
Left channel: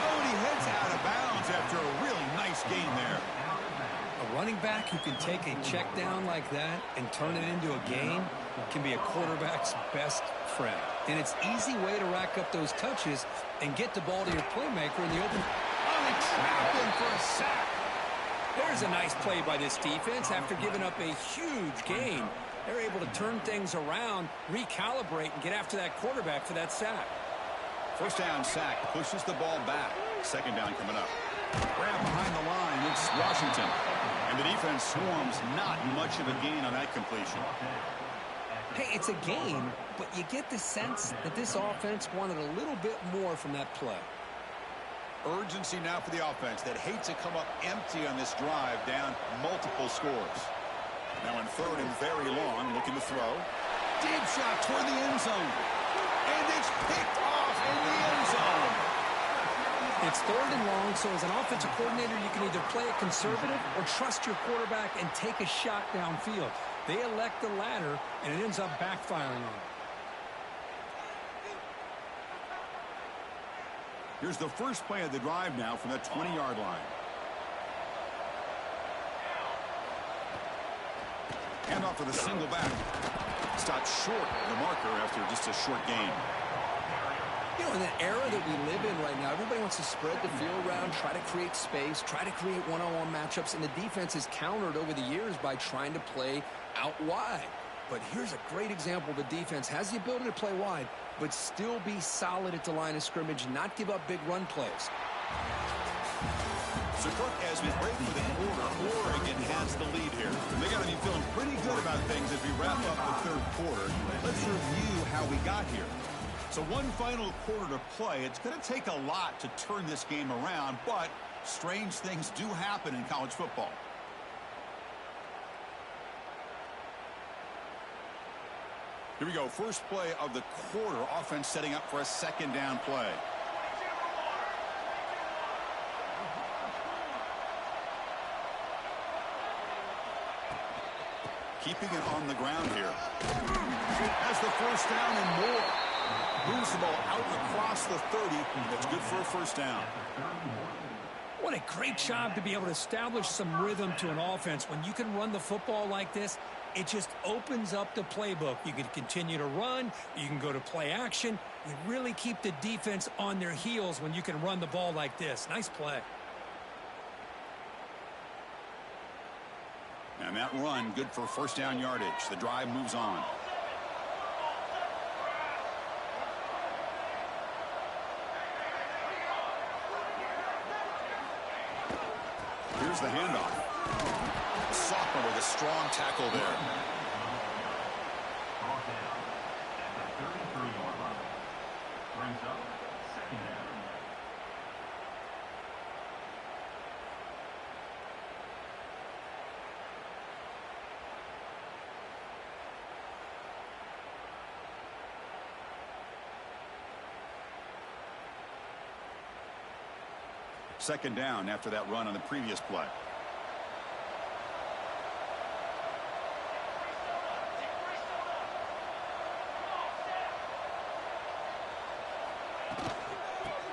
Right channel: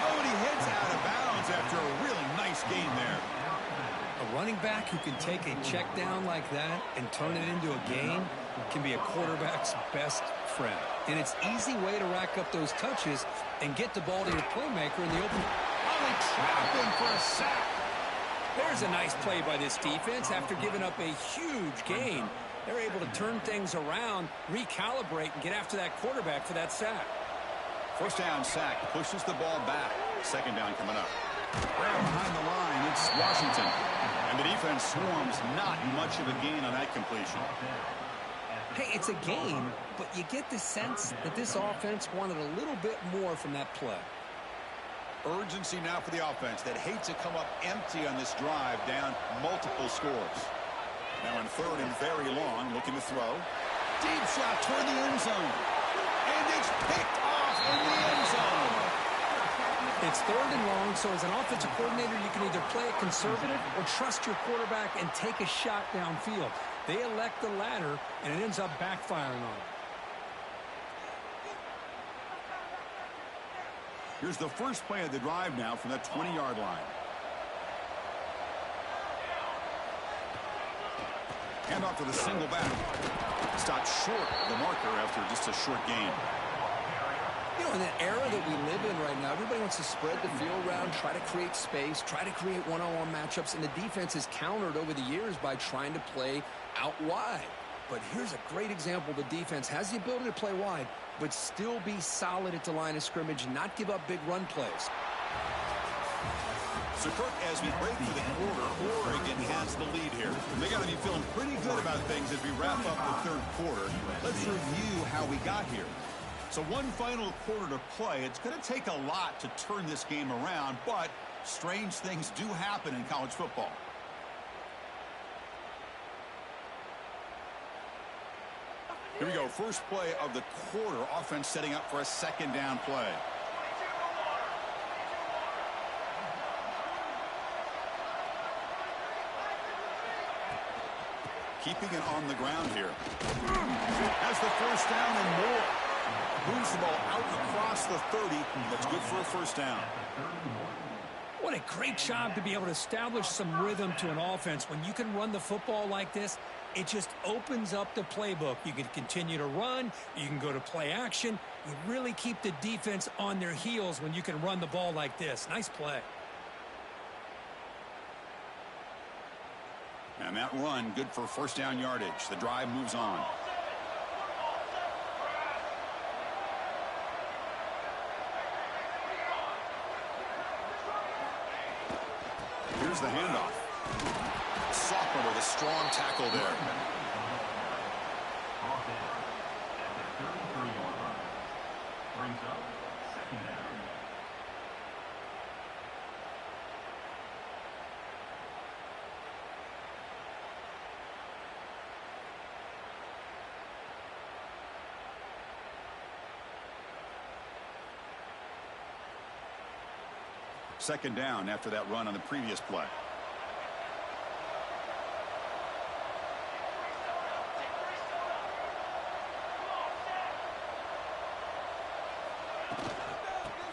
Oh, and he heads out of bounds after a really nice gain there. A running back who can take a check down like that and turn it into a gain can be a quarterback's best friend. And it's an easy way to rack up those touches and get the ball to your playmaker in the open. Oh, they trapped him for a sack. There's a nice play by this defense. After giving up a huge gain, they're able to turn things around, recalibrate, and get after that quarterback for that sack. First down sack, pushes the ball back. Second down coming up. Grab behind the line, it's Washington. And the defense swarms, not much of a gain on that completion. Hey, it's a game, but you get the sense that this offense wanted a little bit more from that play. Urgency now for the offense that hates to come up empty on this drive, down multiple scores. Now in third and very long, looking to throw. Deep shot toward the end zone. And it's picked off in the end zone. It's third and long, so as an offensive coordinator, you can either play it conservative or trust your quarterback and take a shot downfield. They elect the latter, and it ends up backfiring on them. Here's the first play of the drive now from the 20-yard line. Hand off to the single back. Stopped short of the marker after just a short gain. You know, in the era that we live in right now, everybody wants to spread the field around, try to create space, try to create one-on-one matchups, and the defense is countered over the years by trying to play out wide. But here's a great example. The defense has the ability to play wide, but still be solid at the line of scrimmage, not give up big run plays. So, Kirk, as we break for the quarter, Oregon has the lead here. They got to be feeling pretty good about things as we wrap up the third quarter. Let's review how we got here. So one final quarter to play. It's going to take a lot to turn this game around, but strange things do happen in college football. Here we go. First play of the quarter. Offense setting up for a second down play. Keeping it on the ground here. Has the first down and more. Moves the ball out across the 30. That's good for a first down. What a great job to be able to establish some rhythm to an offense. When you can run the football like this, it just opens up the playbook. You can continue to run. You can go to play action. You really keep the defense on their heels when you can run the ball like this. Nice play. And that run, good for first down yardage. The drive moves on. Here's the handoff. Sophomore with a strong tackle there. Brought down at the 33-yard line. Brings up second down. Second down after that run on the previous play.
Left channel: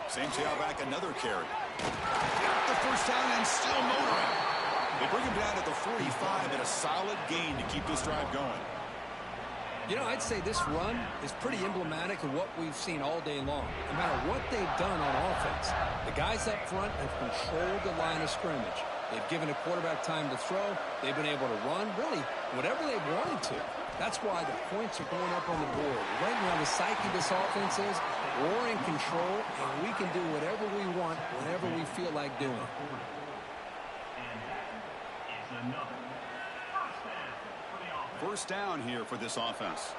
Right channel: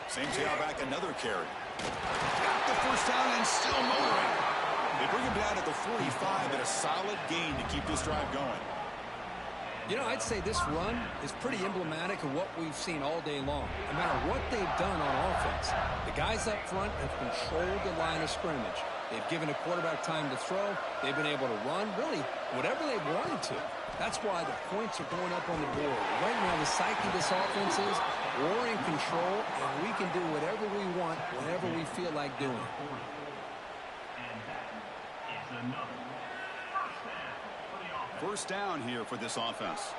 Same tailback, another carry. Got the first down and still motoring. They bring him down at the 45 and a solid gain to keep this drive going. You know, I'd say this run is pretty emblematic of what we've seen all day long. No matter what they've done on offense, the guys up front have controlled the line of scrimmage. They've given a quarterback time to throw. They've been able to run, really, whatever they've wanted to. That's why the points are going up on the board. Right now, the psyche of this offense is we're in control, and we can do whatever we want whenever we feel like doing it. And that is another first down for the offense. First down here for this offense.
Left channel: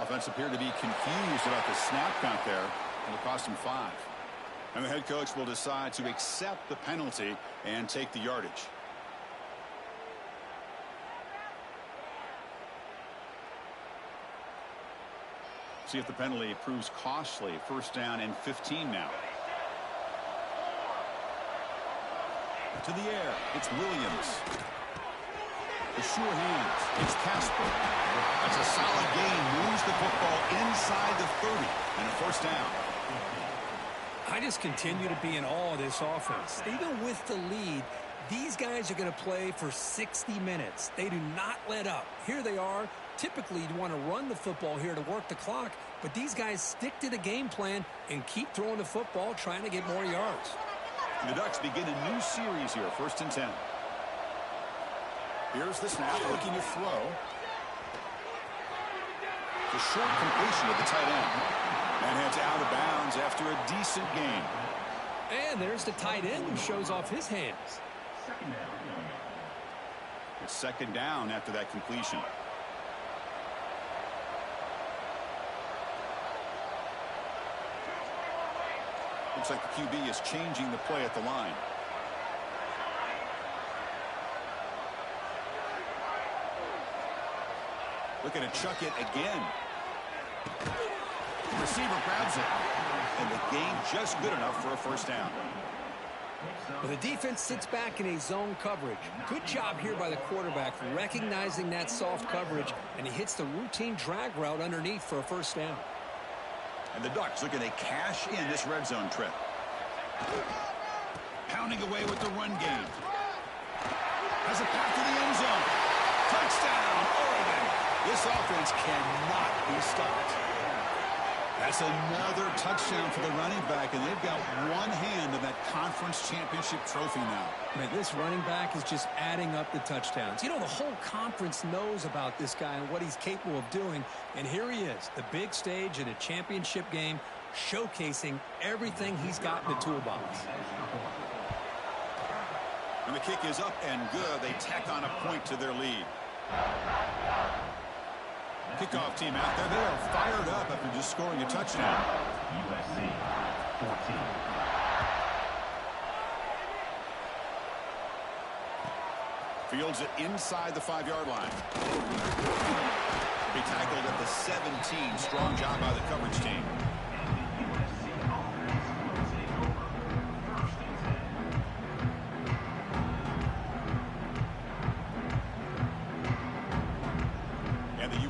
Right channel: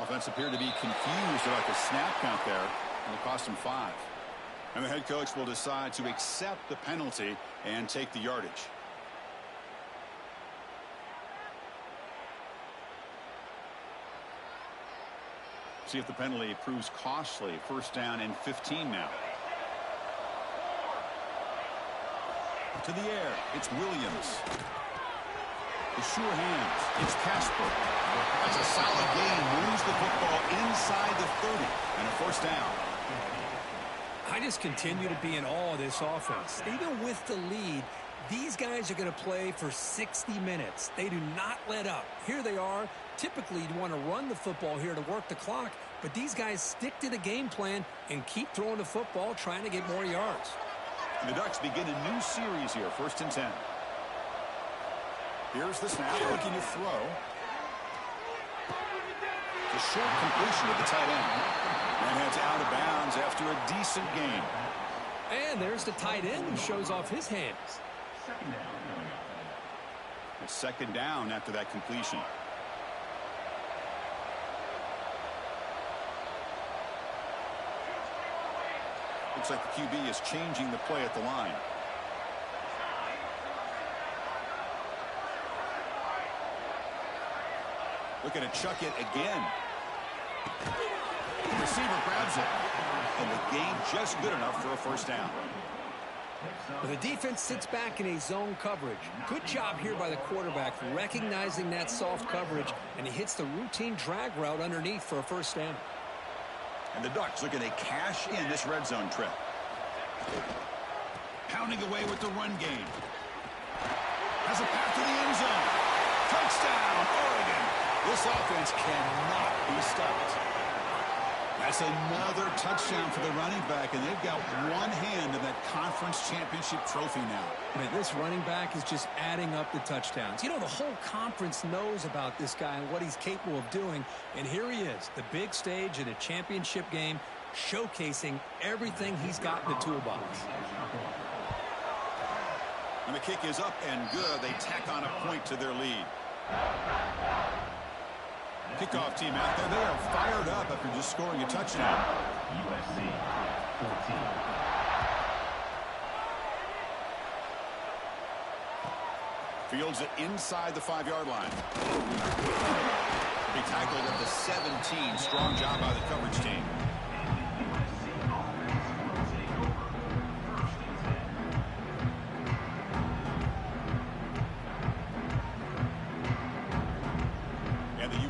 Offense appeared to be confused about the snap count there. It'll cost him 5. And the head coach will decide to accept the penalty and take the yardage. See if the penalty proves costly. First down and 15 now. To the air. It's Williams. The sure hands. It's Casper. That's a solid gain. Moves the football inside the 30. And a first down. I just continue to be in awe of this offense. Even with the lead, these guys are going to play for 60 minutes. They do not let up. Here they are. Typically, you'd want to run the football here to work the clock, but these guys stick to the game plan and keep throwing the football, trying to get more yards. The Ducks begin a new series here, 1st and 10. Here's the snap, looking to throw. It's a short completion to the tight end. And heads out of bounds after a decent gain. And there's the tight end who shows off his hands. Second down coming up. It's second down after that completion. Looks like the QB is changing the play at the line. Looking to chuck it again. The receiver grabs it. And the gain just good enough for a first down. Well, the defense sits back in a zone coverage. Good job here by the quarterback recognizing that soft coverage, and he hits the routine drag route underneath for a first down. And the Ducks looking to cash in this red zone trip. Pounding away with the run game. Has a path to the end zone. Touchdown, Oregon. This offense cannot be stopped. That's another touchdown for the running back, and they've got one hand in that conference championship trophy now. Man, this running back is just adding up the touchdowns. You know, the whole conference knows about this guy and what he's capable of doing, and here he is, the big stage in a championship game, showcasing everything he's got in the toolbox. And the kick is up and good. They tack on a point to their lead. Kickoff team out there. They are fired up after just scoring a touchdown. USC 14. Fields it inside the 5-yard line. Be tackled at the 17. Strong job by the coverage team.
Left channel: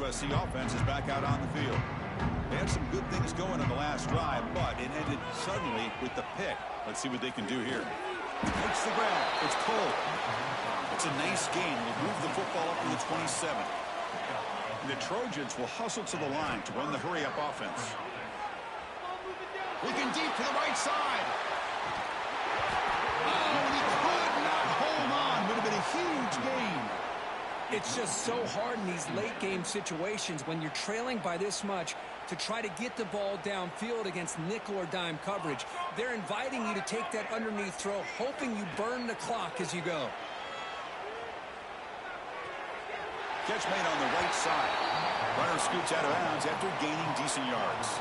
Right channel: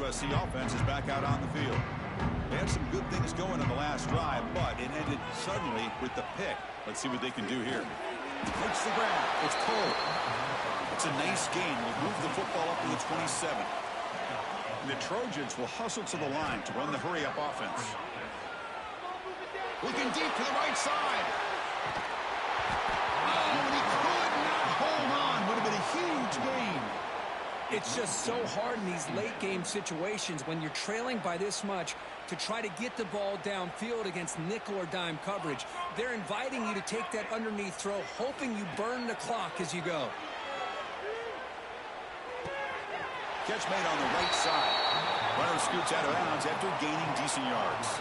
USC offense is back out on the field. They had some good things going on the last drive, but it ended suddenly with the pick. Let's see what they can do here. Makes the grab. It's Cole. It's a nice gain. Will move the football up to the 27. The Trojans will hustle to the line to run the hurry-up offense. Looking deep to the right side. Oh, and he could not hold on. Would have been a huge gain. It's just so hard in these late-game situations when you're trailing by this much to try to get the ball downfield against nickel or dime coverage. They're inviting you to take that underneath throw, hoping you burn the clock as you go. Catch made on the right side. Runner scoots out of bounds after gaining decent yards.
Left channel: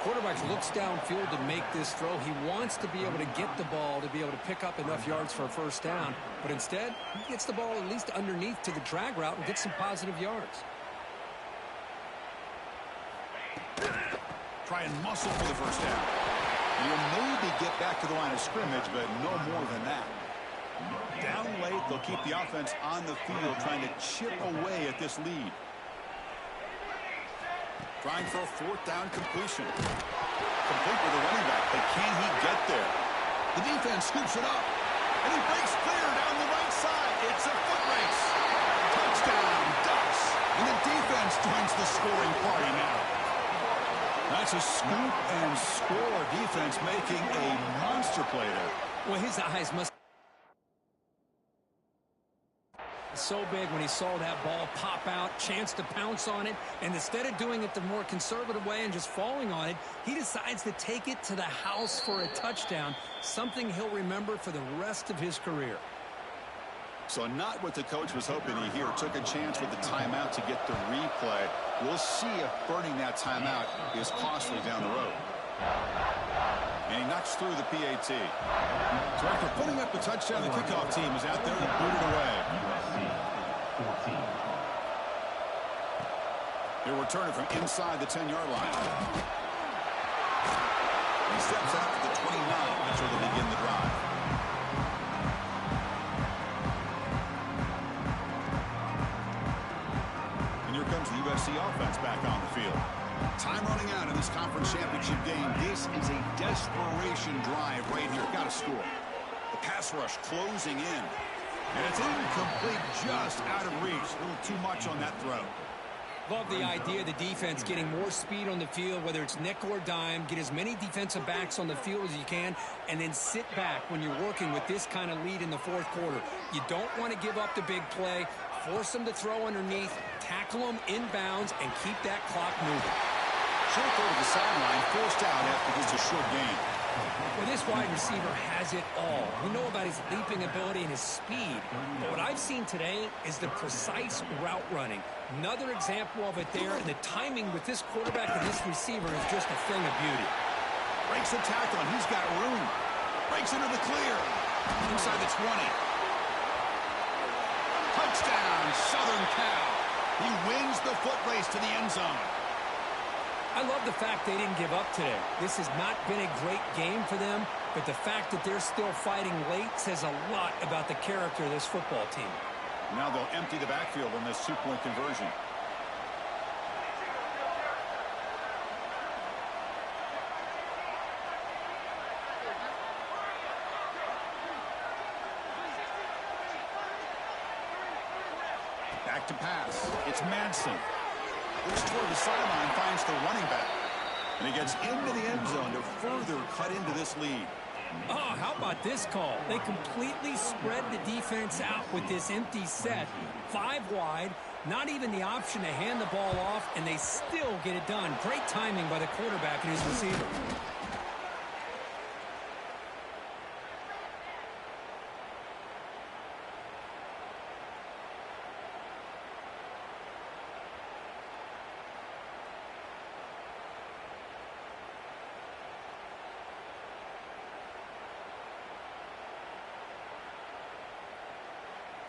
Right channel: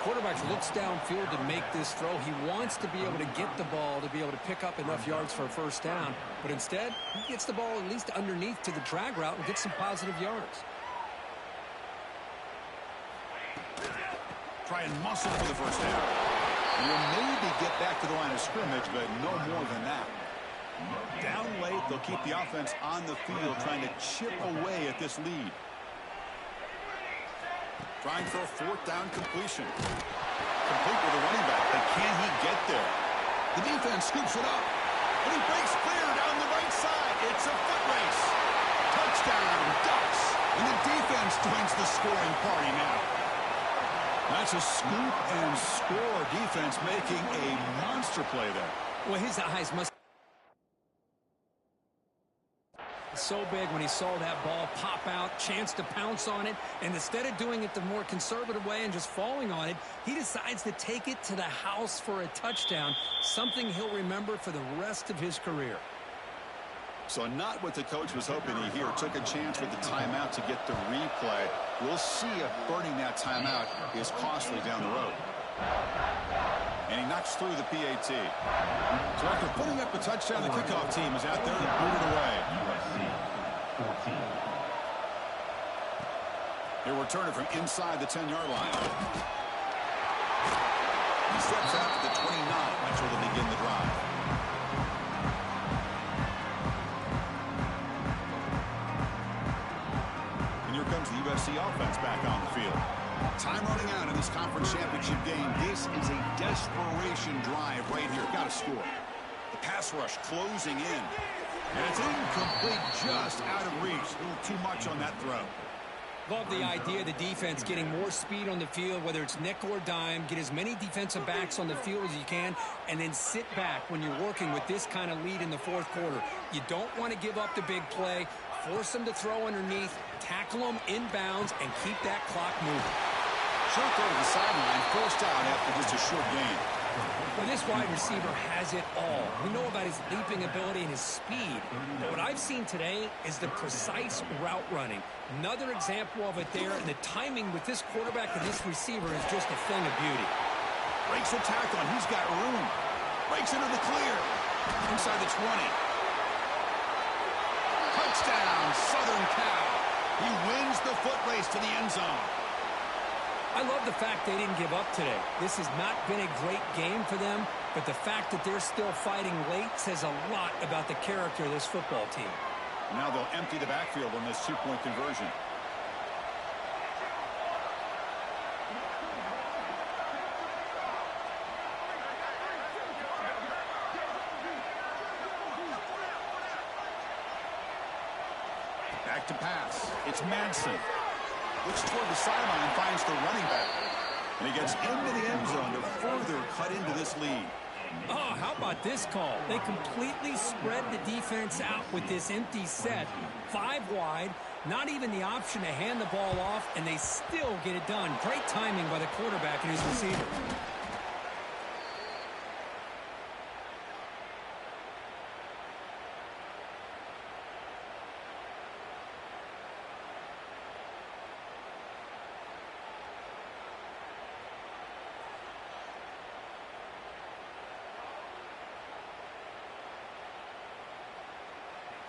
Quarterback looks downfield to make this throw. He wants to be able to get the ball to be able to pick up enough yards for a first down. But instead, he gets the ball at least underneath to the drag route and gets some positive yards. Try and muscle for the first down. And you'll maybe get back to the line of scrimmage, but no more than that. Down late, they'll keep the offense on the field, trying to chip away at this lead. Trying for a fourth down completion. Complete with the running back, but can he get there? The defense scoops it up, and he breaks clear down the right side. It's a foot race. Touchdown, Ducks. And the defense joins the scoring party now. That's a scoop and score defense making a monster play there. Well, his eyes must so big when he saw that ball pop out, chance to pounce on it, and instead of doing it the more conservative way and just falling on it, he decides to take it to the house for a touchdown, something he'll remember for the rest of his career. So not what the coach was hoping to hear. Took a chance with the timeout to get the replay. We'll see if burning that timeout is costly down the road. And he knocks through the PAT. So after putting up the touchdown, the kickoff team is out there and booted away. USC 14. He'll return it from inside the 10-yard line. He steps out to the 29. That's where they'll begin the drive. And here comes the USC offense back on the field. Time running out in this conference championship game. This is a desperation drive right here. Got to score. The pass rush closing in. And it's incomplete, just out of reach. A little too much on that throw. Love the idea of the defense getting more speed on the field, whether it's nickel or dime, get as many defensive backs on the field as you can, and then sit back when you're working with this kind of lead in the fourth quarter. You don't want to give up the big play. Force them to throw underneath, tackle them inbounds, and keep that clock moving. Short throw to the sideline, forced out after just a short gain. Well, this wide receiver has it all. We know about his leaping ability and his speed. But what I've seen today is the precise route running. Another example of it there, and the timing with this quarterback and this receiver is just a thing of beauty. Breaks a tackle, and he's got room. Breaks into the clear. Inside the 20. Touchdown, Southern Cal. He wins the foot race to the end zone. I love the fact they didn't give up today. This has not been a great game for them, but the fact that they're still fighting late says a lot about the character of this football team. Now they'll empty the backfield on this two-point conversion. Back to pass. It's Madsen. Looks toward the sideline, finds the running back. And he gets into the end zone to further cut into this lead. Oh, how about this call? They completely spread the defense out with this empty set. 5 wide, not even the option to hand the ball off, and they still get it done. Great timing by the quarterback and his receiver.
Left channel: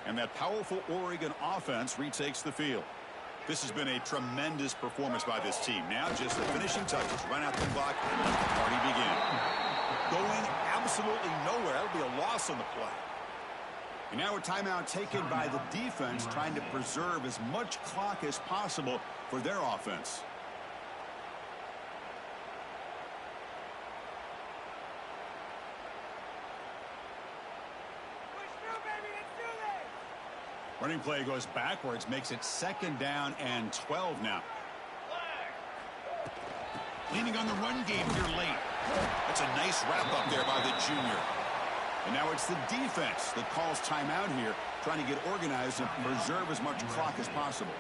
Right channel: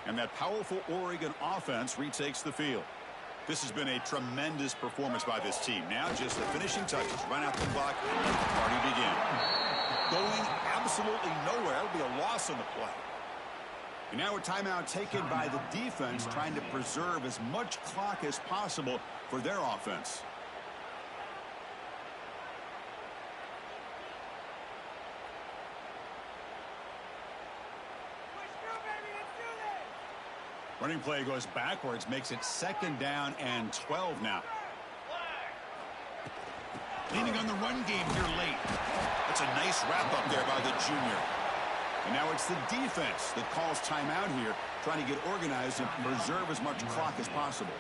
And that powerful Oregon offense retakes the field. This has been a tremendous performance by this team. Now just the finishing touches, run out the clock, and let the party begin. Going absolutely nowhere. That'll be a loss on the play. And now a timeout taken by the defense, trying to preserve as much clock as possible for their offense. Running play goes backwards, makes it 2nd down and 12 now. Leaning on the run game here late. That's a nice wrap up there by the junior. And now it's the defense that calls timeout here, trying to get organized and preserve as much clock as possible.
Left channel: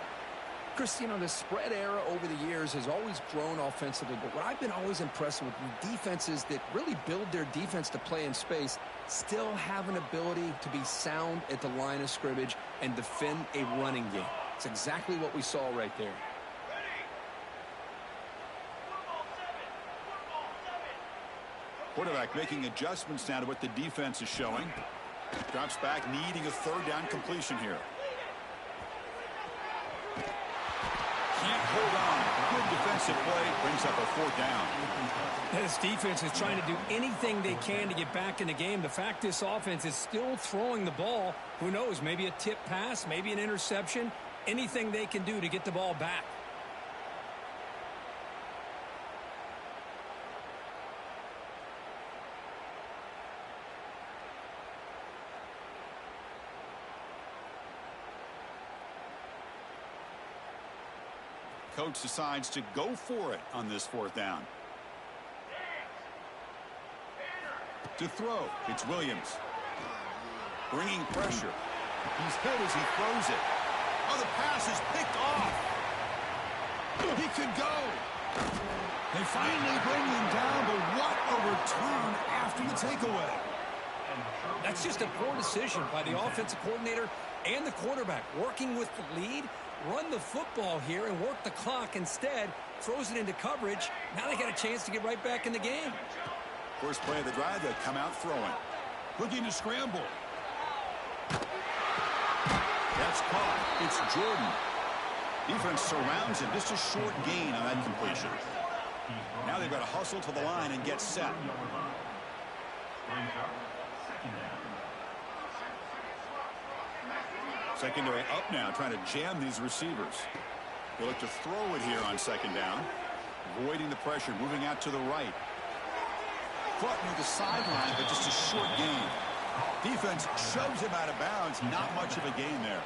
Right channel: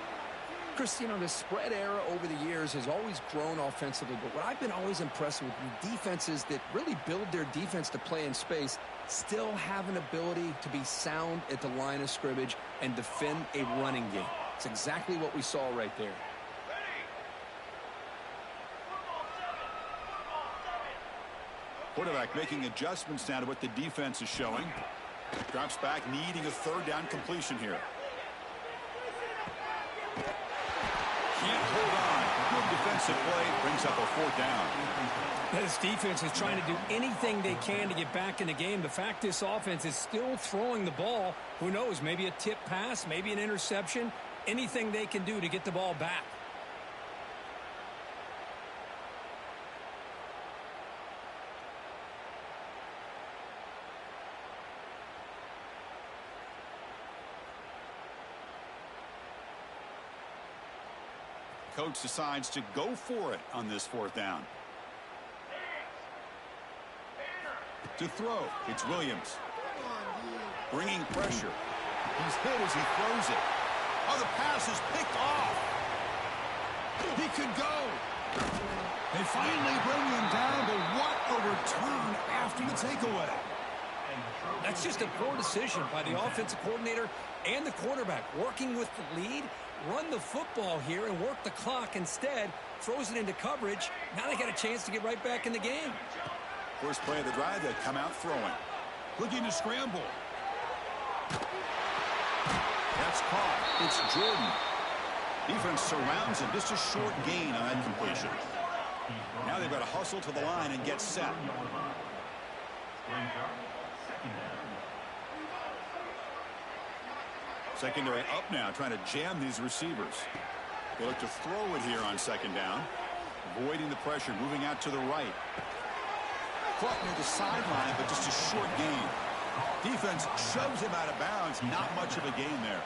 Chris, you know, the spread era over the years has always grown offensively, but what I've been always impressed with defenses that really build their defense to play in space still have an ability to be sound at the line of scrimmage and defend a running game. It's exactly what we saw right there. Quarterback making adjustments now to what the defense is showing. Drops back, needing a 3rd down completion here. Can't hold on. Good defensive play. Brings up a 4th down. This defense is trying to do anything they can to get back in the game. The fact this offense is still throwing the ball, who knows, maybe a tip pass, maybe an interception, anything they can do to get the ball back. Coach decides to go for it on this 4th down. To throw, it's Williams. Bringing pressure. He's hit as he throws it. Oh, the pass is picked off. He could go. They finally bring him down, but what a return after the takeaway. That's just a poor decision by the offensive coordinator and the quarterback. Working with the lead, run the football here and work the clock. Instead, throws it into coverage. Now they got a chance to get right back in the game. First play of the drive, they come out throwing. Looking to scramble. That's caught. It's Jordan. Defense surrounds him. Just a short gain on that completion. Now they've got to hustle to the line and get set. Secondary up now, trying to jam these receivers. They look to throw it here on 2nd down. Avoiding the pressure, moving out to the right. Caught near the sideline, but just a short gain. Defense shoves him out of bounds. Not much of a gain there.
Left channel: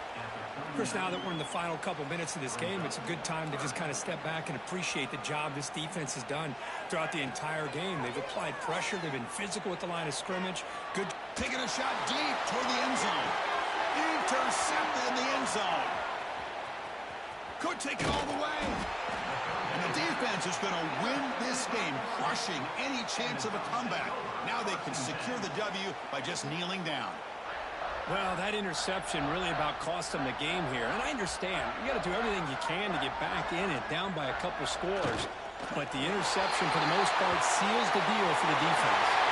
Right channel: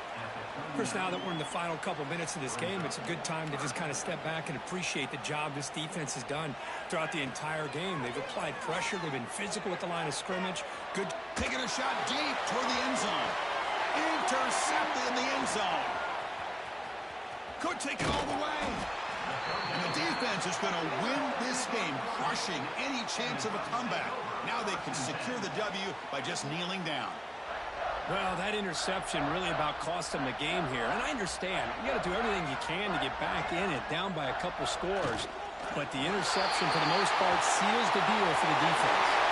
Chris, now that we're in the final couple minutes of this game, it's a good time to just kind of step back and appreciate the job this defense has done throughout the entire game. They've applied pressure. They've been physical at the line of scrimmage. Good. Taking a shot deep toward the end zone. Intercepted in the end zone. Could take it all the way. And the defense is going to win this game, crushing any chance of a comeback. Now they can secure the W by just kneeling down. Well, that interception really about cost them the game here. And I understand. You got to do everything you can to get back in it, down by a couple scores. But the interception, for the most part, seals the deal for the defense.